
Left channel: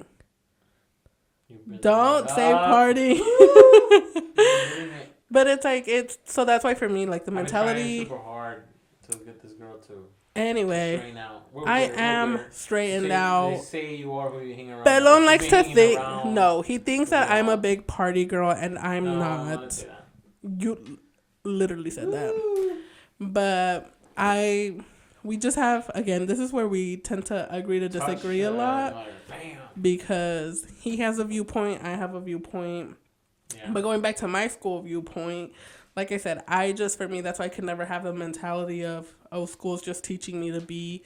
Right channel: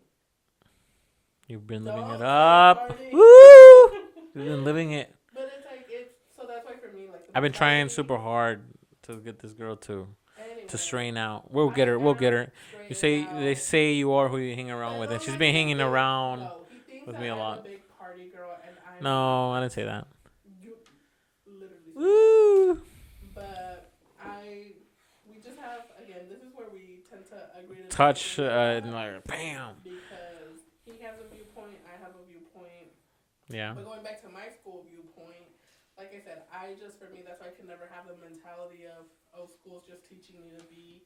You've been don't say party. You've been living it. But it's so that's why for me, like, the mentality. I've been trying super hard to get this girl to straighten out. We'll get her. Straightened out. They say you are who you hang around Pelon with. likes to think. No, he thinks that I'm a big party girl, and I'm not. No, I didn't say that. You literally said that. But we just have, again, this is where we tend to agree to disagree a lot. Bam. Because he has a viewpoint, I have a viewpoint. Yeah. But going back to my school viewpoint, like I said, for me, that's why I could never have a mentality of, oh, school's just teaching me to be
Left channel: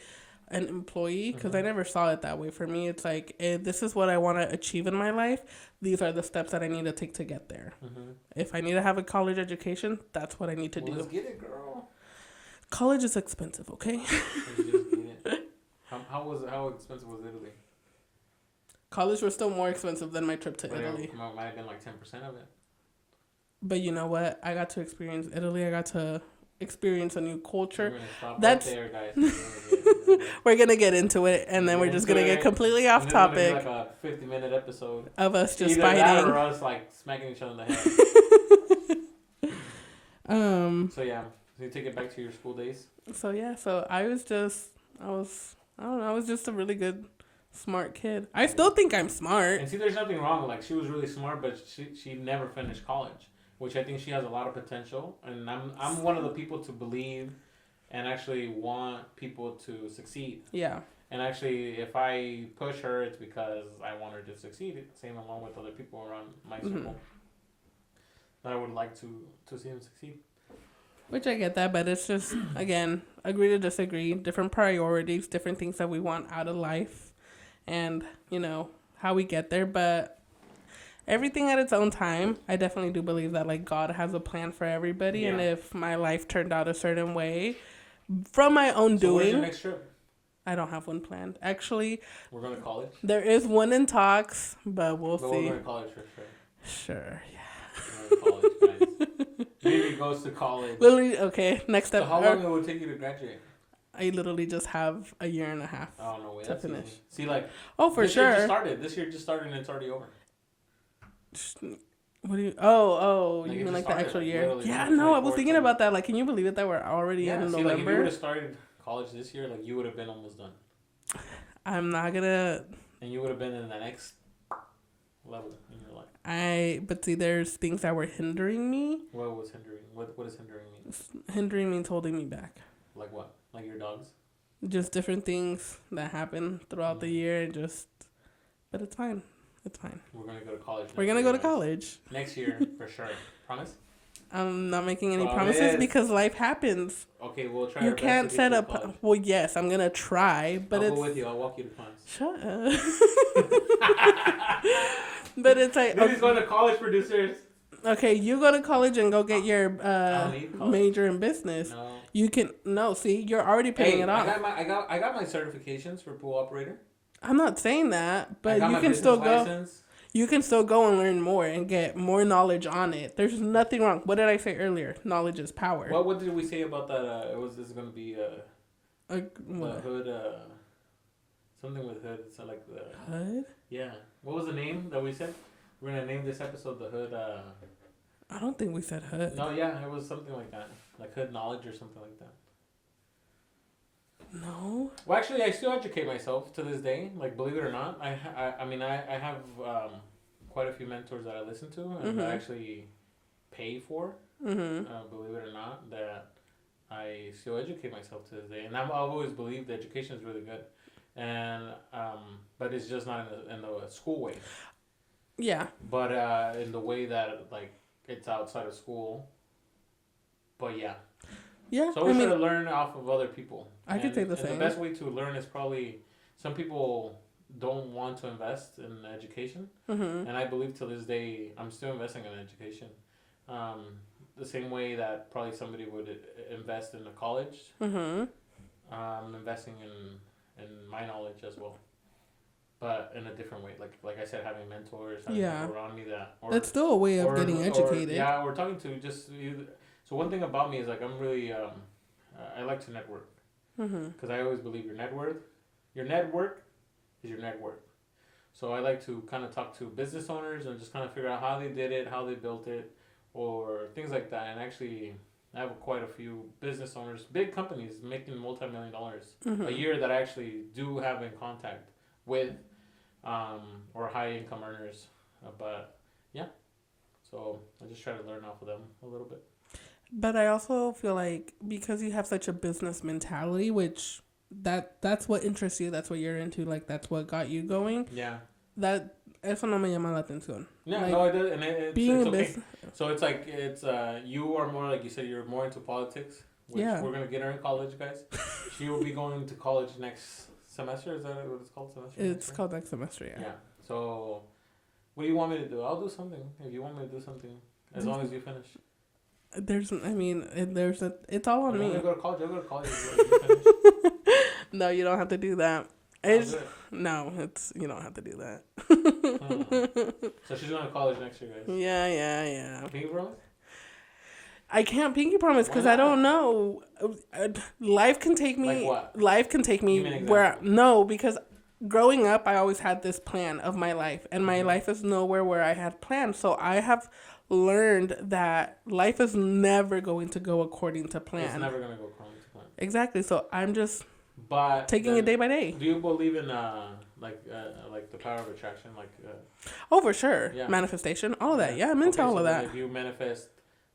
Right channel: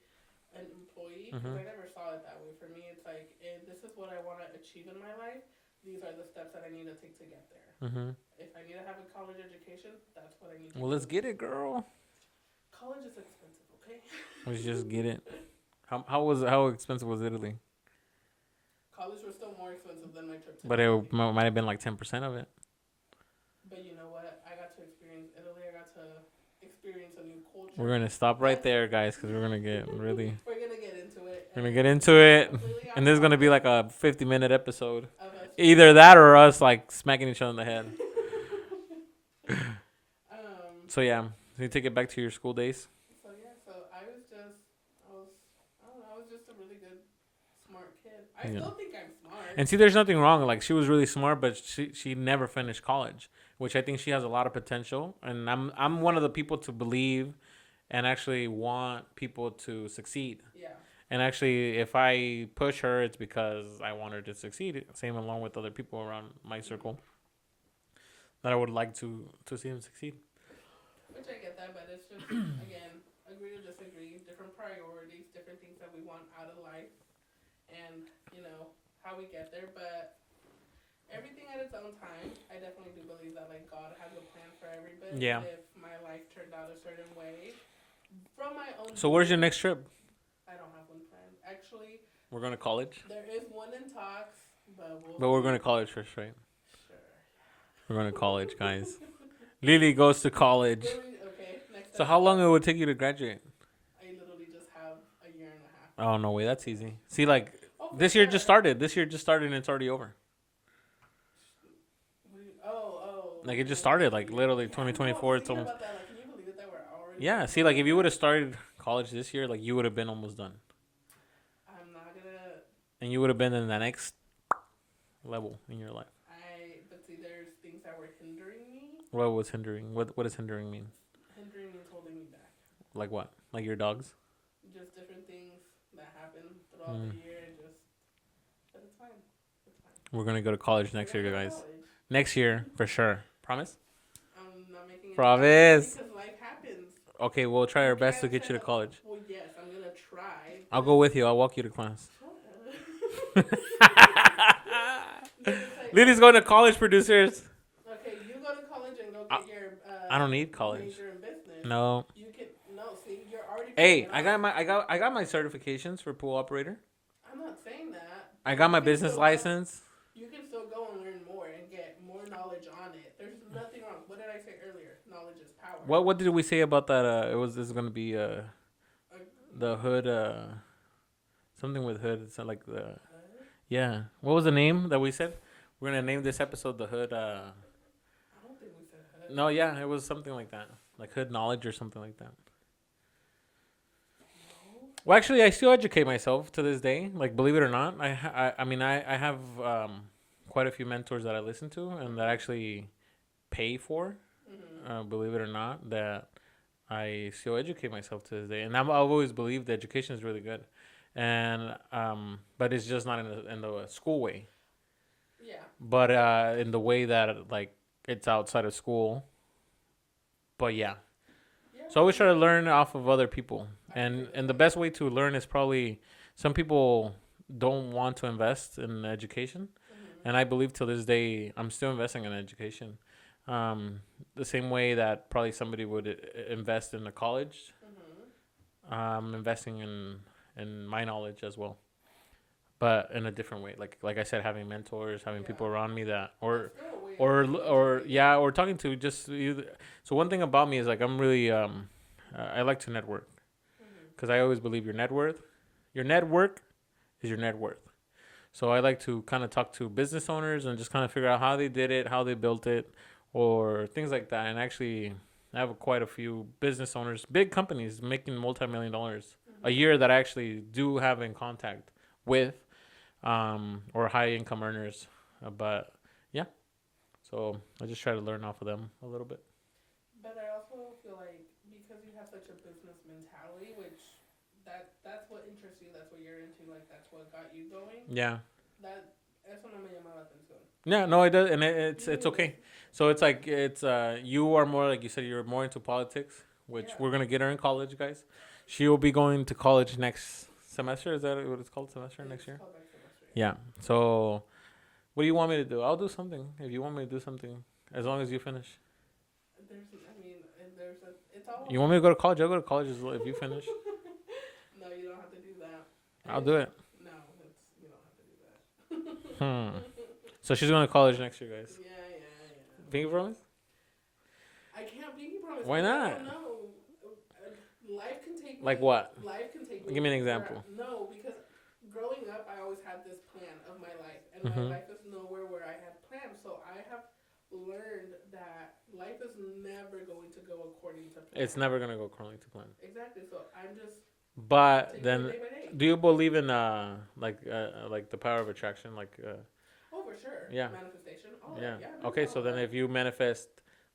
an employee, because I never saw it that way. For me, it's like, this is what I want to achieve in my life. These are the steps that I need to take to get there. If I need to have a college education, that's what I need to do. Let's get it, girl. College is expensive, okay? Let's just get it. How expensive was Italy? College was still more expensive than my trip to But Italy. it might have been like 10% of it. But you know what? I got to experience Italy. I got to experience a new culture. We're gonna stop right there, guys, because we're gonna get really. We're gonna get into it, and then we're just into gonna it, get completely off and this topic. is gonna be like a 50-minute episode Of us just either that fighting. or us like smacking each other in the head. So yeah, so you take it back to your school days. So yeah, I was just a really good, smart kid. I still think I'm smart. And see, there's nothing wrong. Like, she was really smart, but she never finished college, which I think she has a lot of potential. And I'm one of the people to believe and actually want people to succeed. Yeah. And actually, if I push her, it's because I want her to succeed. Same along with other people around my circle that I would like to see them succeed. Which I get that, but it's just, again, agree to disagree, different priorities, different things that we want out of life, and, you know, how we get there. But everything at its own time. I definitely do believe that, like, God has a plan for everybody. Yeah. And if my life turned out a certain way, from my own doing. So where's your next trip? I don't have one planned. Actually, We're going to college? there is one in talks, but we'll see. But we're going to college first, right? Sure, yeah. We're going to college, guys. Lily goes to college. Literally, okay, next step. So how long it would take you to graduate? I literally just have a year and a half. Oh, no way. That's finish. easy. See, like, Oh, for this sure. year just started. This year just started and it's already over. What do you? Oh. Like, you it mean just the started, actual like, year? literally Yeah, 2024. no, I was it's thinking almost- about that. Like, can you believe it that we're already Yeah, in see, like, if you would November? have started college this year, like, you would have been almost done. I'm not gonna. And you would have been in the next level in your life. But see, there's things that were hindering me. What was hindering? What does hindering mean? Hindering means holding me back. Like what? Like your dogs? Just different things that happen throughout the year. But it's fine. It's fine. We're going to go to college next year. We're gonna go to guys. college. Next year, for sure. Promise? I'm not making any Promise. promises because life happens. Okay, we'll try You our best can't to get set you to up. college. Well, yes, I'm gonna try. But I'll go with you. I'll walk you to class. Shut up. But it's like Lily's going to college, producers. okay, you go to college and go get your I don't need college. major in business. No. You can see, you're already paying Hey, it off. I got my certifications for pool operator. I'm not saying that, but I got you my can business still license. You can still go and learn more and get more knowledge on it. There's nothing wrong. What did I say earlier? Knowledge is power. What did we say about that? This is gonna be the what? hood. Something with hood. It's like the Hood? yeah. What was the name that we said? We're gonna name this episode the hood. I don't think we said hood. No, yeah, it was something like that, like hood knowledge or something like that. No. Well, actually, I still educate myself to this day. Like, believe it or not, I have quite a few mentors that I listen to and that actually pay for. Believe it or not, that I still educate myself to this day, and I've always believed that education is really good, and but it's just not in the school way. Yeah. But in the way that like it's outside of school. But yeah. Yeah. So I always try to learn off of other people. I could say the and the same. best way to learn is probably some people don't want to invest in education. And I believe till this day I'm still investing in education. The same way that probably somebody would invest in a college. I'm investing in my knowledge as well. But in a different way. Like I said, having mentors, having people around me that it's still a way of getting educated. or talking to just you. So one thing about me is like I'm really I like to network because I always believe your net worth is your net worth. So I like to kind of talk to business owners and just kind of figure out how they did it, how they built it, or things like that. And actually, I have quite a few business owners, big companies making multi-million dollars a year that I actually do have in contact with, or high income earners. But yeah, so I just try to learn off of them a little bit. But I also feel like because you have such a business mentality, which that's what interests you, that's what you're into, like that's what got you going. Yeah. Eso no me llama la atención. Yeah, Like, no, it does, and it's okay. So it's like you are more like you said you're more into politics, which Yeah. we're gonna get her in college, guys. She will be going to college next semester. Is that what it's called? Semester. It's called next semester. Yeah. Yeah. So, what do you want me to do? I'll do something if you want me to do something. As long as you finish. It's all on You me. want me to go to college? I'll go to college if you finish. No, you don't have to do that. I'll do it. No, you don't have to do that. So she's going to college next year, guys. Yeah. Pinky promise? I can't pinky promise Why because I not? don't know. Life can take me. Like what? Life can take me Give me an where. example. No, because growing up, I always had this plan of my life, and my Mhm. life is nowhere where I had planned. So I have learned that life is never going to go according to plan. It's never going to go according to plan. Exactly. So I'm just But taking then, it day by day. do you believe in like the power of attraction? Oh, for sure. Yeah. Manifestation, all of that. Yeah, I'm into Okay, all so of then that. If you manifest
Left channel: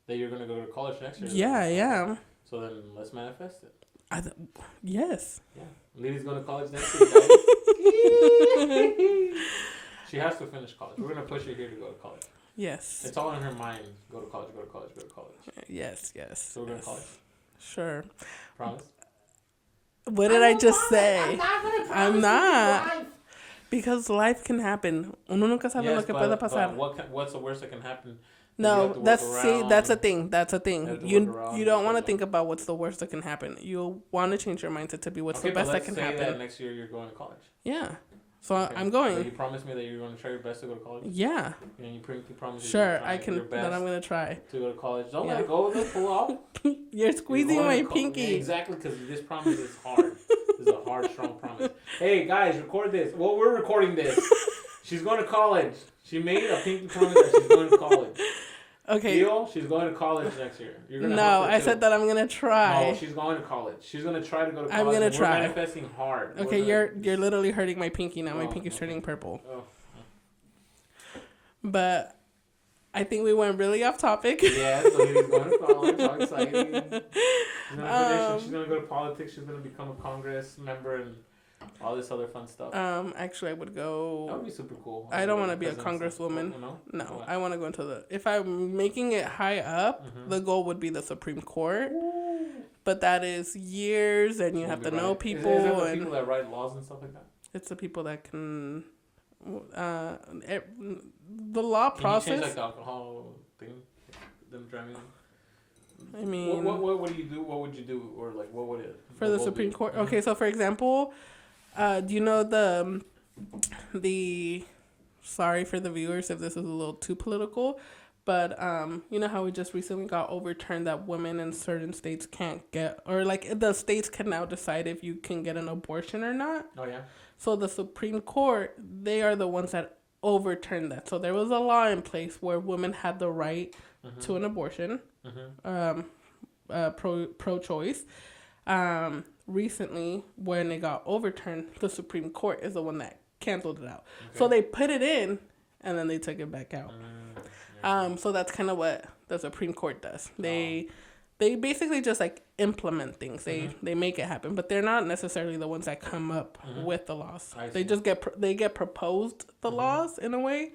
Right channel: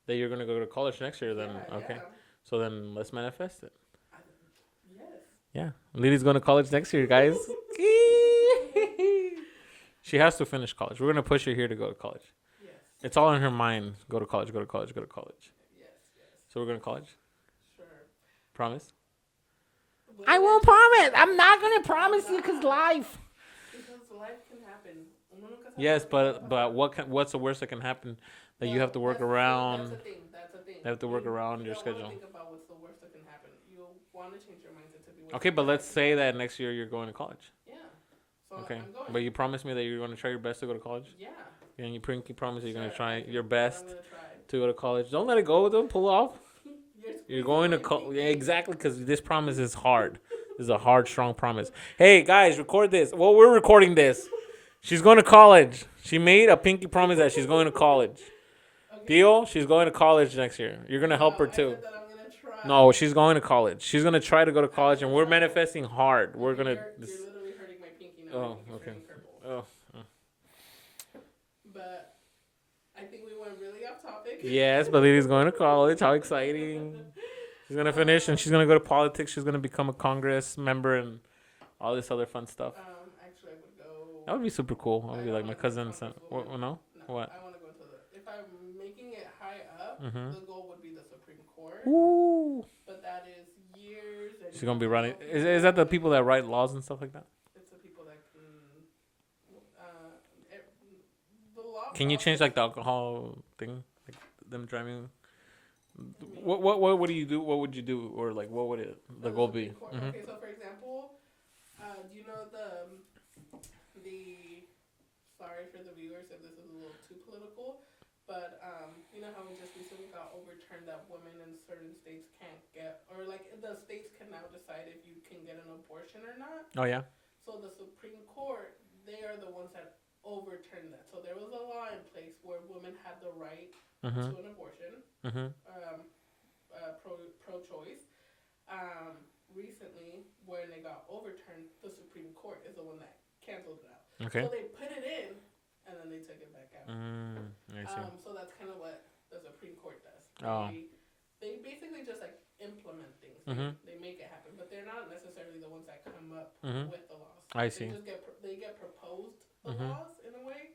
that you're going to go to college next year. Yeah, then, okay. yeah. So then let's manifest it. Yes. Yeah. Lily's going to college next year, guys. She has to finish college. We're going to push her here to go to college. Yes. It's all in her mind. Go to college, go to college, go to college. Yes. So we're going to college? Sure. Promise? What did I just say? I'm not going to promise. I'm not. Life. Because life can happen. Uno nunca sabe Yes, lo que puede but pasar. what's the worst that can happen? That you No, have to work that's around. that's a thing. That's a thing. You have to You work around you your don't want to schedule. think about what's the worst that can happen. You want to change your mindset to be what's Okay, the but best let's that can say happen. that next year you're going to college. Yeah. So Okay. I'm going. But you promised me that you're going to try your best to go to college. Yeah. And you promise you're Sure. going to try I can. your But best I'm gonna try. to go to college. Don't Yeah. let it go. Don't pull off. You're You're squeezing going my to pinky. Exactly, because this promise is hard. This is a hard, strong promise. Hey, guys, record this. Well, we're recording this. She's going to college. She made a pinky promise that she's going to college. Okay. Deal? She's going to college next year. You're going to help her too. I said that I'm gonna try. No, she's going to college. She's going to try to go to I'm college, gonna and we're try. manifesting hard. We're Okay, gonna you're literally hurting my pinky now. My Oh, pinky's okay. turning purple. Oh. But I think we went really off topic. Yes, the lady's going to college. How exciting. She's going to finish, and she's going to go to politics. She's going to become a Congress member and all this other fun stuff. Actually, I would go. That would be super cool. I don't want to to be a congresswoman. No? No, What? I want to go into the. If I'm making it high up, Mhm. the goal would be the Supreme Court. Ooh. But that is years, and She's you gonna have be to writing. know people. Is that the and people that write laws and stuff like that? It's the people that can. The law Can process. you change like the alcohol thing, like them driving? I mean, What do you do? What would you do, or like what would it for the goal Supreme be? Court. Mhm. Okay, so for example, do you know the sorry for the viewers if this is a little too political, but you know how we just recently got overturned that women in certain states can't get, or like the states can now decide if you can get an abortion or not. Oh yeah. So the Supreme Court, they are the ones that overturned that. So there was a law in place where women had the right to an abortion, pro-choice. Recently, when it got overturned, the Supreme Court is the one that canceled it out. Okay. So they put it in, and then they took it back out. I see. So that's kind of what the Supreme Court does. They basically just like implement things. They make it happen, but they're not necessarily the ones that come up with the laws. I They see. just get proposed the laws in a way,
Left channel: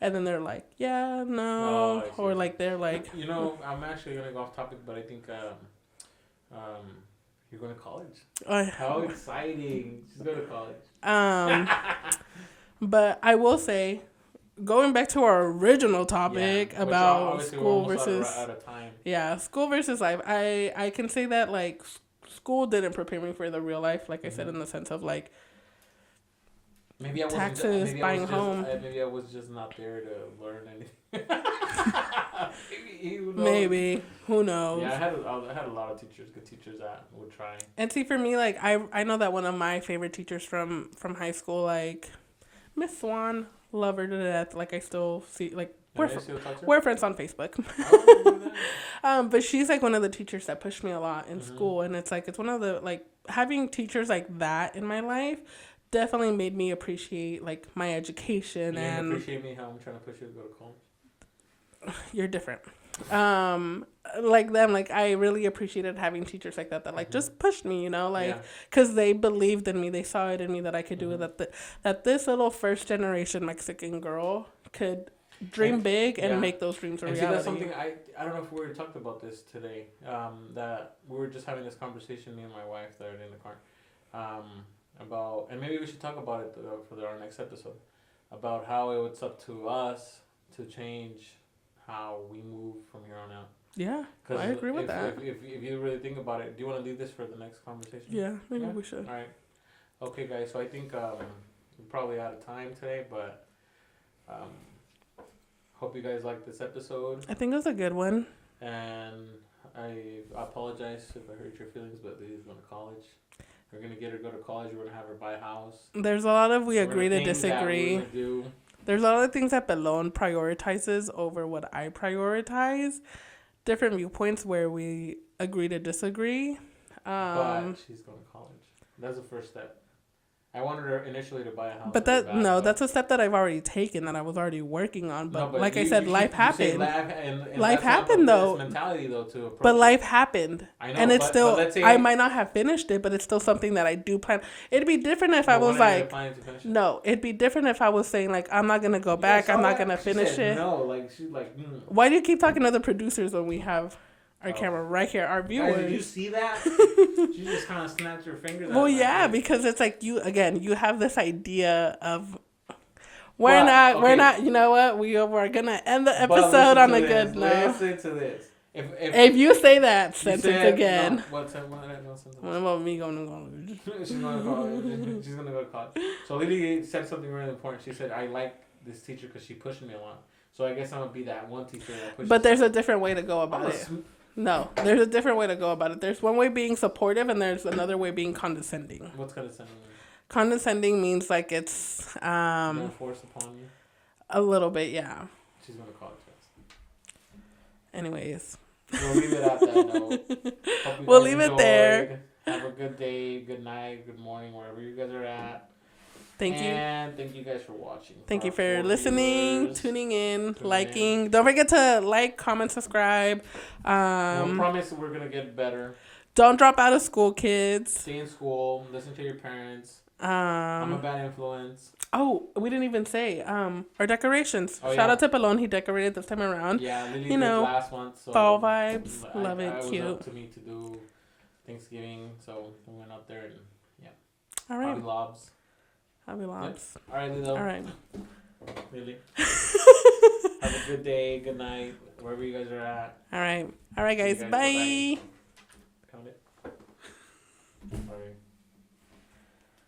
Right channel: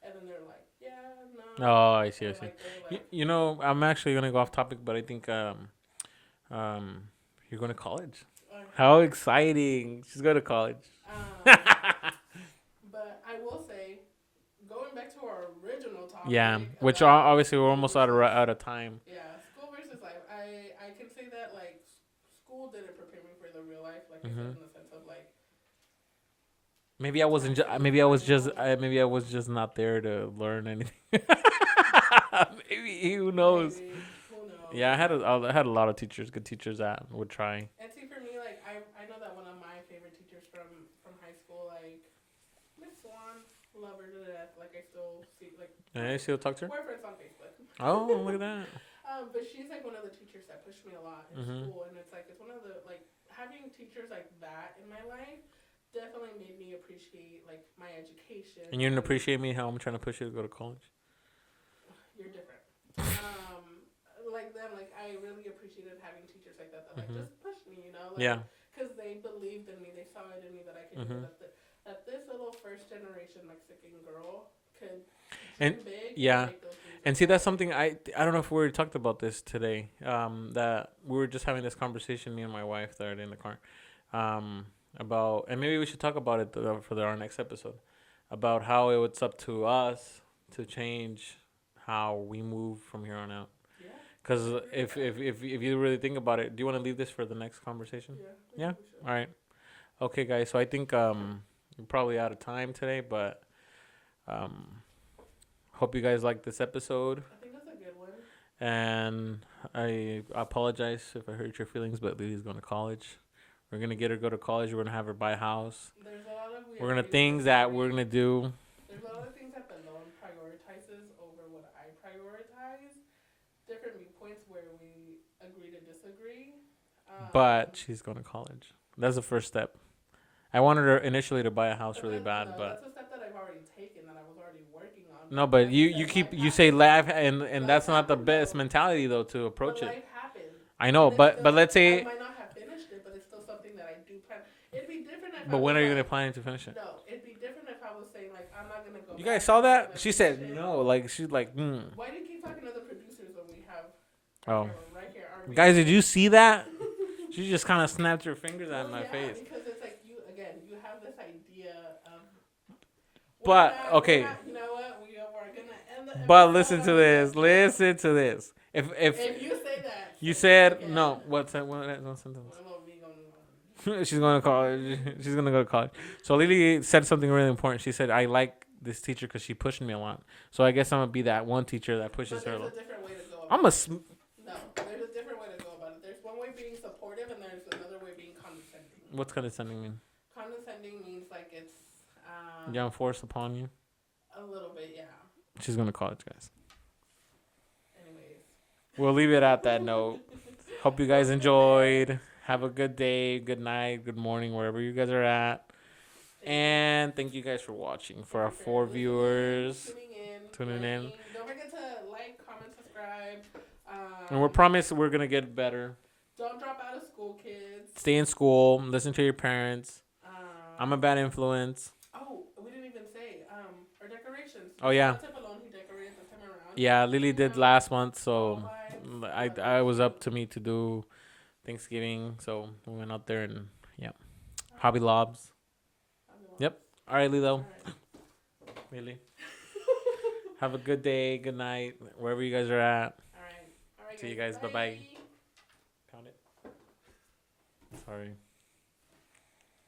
and then they're like, yeah, no, Oh, I see, I or see. like they're like, You know, I'm actually gonna go off topic, but I think you're going to college. How exciting! She's going to college. But I will say, going back to our original topic, Yeah, which about obviously we're school almost versus- out of time. Yeah, school versus life. I can say that like school didn't prepare me for the real life. Like I said, in the sense of like Maybe I wasn't. taxes, Maybe I was buying just. home. Maybe I was just not there to learn anything. Maybe who knows? maybe who knows. Yeah, I had a lot of teachers, good teachers that would try. And see, for me, like I know that one of my favorite teachers from high school, like Miss Swan, love her to death. Like I still see like Yeah, you still talk to her? we're friends on Facebook. Oh, look at that. But she's like one of the teachers that pushed me a lot in Mm-hmm. school, and it's one of the like having teachers like that in my life definitely made me appreciate like my education. And you didn't appreciate me how I'm trying to push you to go to college. You're different. Like them, like I really appreciated having teachers like that like just pushed me, you know, like Yeah. because they believed in me, they saw it in me that I could do it. That this little first generation Mexican girl could dream And- big yeah. and make those dreams a And see, that's reality. something I don't know if we already talked about this today. That we were just having this conversation, me and my wife, that are in the car, about, and maybe we should talk about it for our next episode, about how it's up to us to change how we move from here on out. Yeah, Because I agree with that. if you really think about it, do you want to leave this for the next conversation? Yeah, maybe Yeah? we should. All right. Okay, guys. So I think we're probably out of time today, but hope you guys liked this episode. I think it was a good one. And I apologize if I hurt your feelings, but Lily's going to college. We're going to get her go to college. We're going to have her buy a house. There's a lot of we We're agree gonna to things that we're disagree. going to do. There's a lot of things that Belone prioritizes over what I prioritize. Different viewpoints where we agree to disagree. But she's going to college. That's the first step. I wanted her initially to buy a house. But really that bad, no, but that's a step that I've already taken that I was already working on. But, no, but like you, I said, you, life keep, happened. you say laugh, and Life that's not the happened, best though. mentality though to approach. But it. life happened. I know, and it's but still, but let's say I might not have finished it, but it's still something that I do plan. It'd be different if I but was when are you like, planning to finish it? no, it'd be different if I was saying like, I'm not gonna go You guys back. saw I'm not that? gonna She finish said it. no. Like she's like. Why do you keep talking to other producers when we have our Oh. camera right here? Our viewers. Guys, did you see that? She just kind of snapped her fingers. Well, at my yeah, face. because it's like you have this idea of we're But, not. You know what? We're gonna end the But episode listen on to a this. good note. Listen to this. If you say that you sentence said again, no, what sentence? what about me going to college? She's going to college. She's going to go to college. So Lily said something really important. She said, "I like this teacher because she pushed me a lot. So I guess I'm gonna be that one teacher that pushes." But there's her. a different way to go about I'm a. it. No, there's a different way to go about it. There's one way being supportive, and there's another way being condescending. What's condescending mean? Condescending means like it's Forced upon you. a little bit, yeah. She's going to college, guys. Anyways, We'll leave it at that note. Hope you We'll guys leave it there. enjoyed. Have a good day, good night, good morning, wherever you guys are at. thank you. And thank you guys for watching. Thank For you our for 4 listening, viewers. tuning in, Tuning liking. Don't forget to like, comment, subscribe. And we promise we're gonna get better. Don't drop out of school, kids. Stay in school. Listen to your parents. I'm a bad influence. Oh, we didn't even say our decorations. Oh, Shout yeah. out to Pelon. He decorated this time around. Yeah, Lily You did know, last month, so fall vibes. Love it. I was Cute. up to me to do Thanksgiving, so we went out there and All right. Hobby Lobs. Hobby Lobs. Yep. All right, Lilo. All right. Lily. Have a good day, good night, wherever you guys are at. All right. All right, See you guys. guys. Bye. Bye-bye.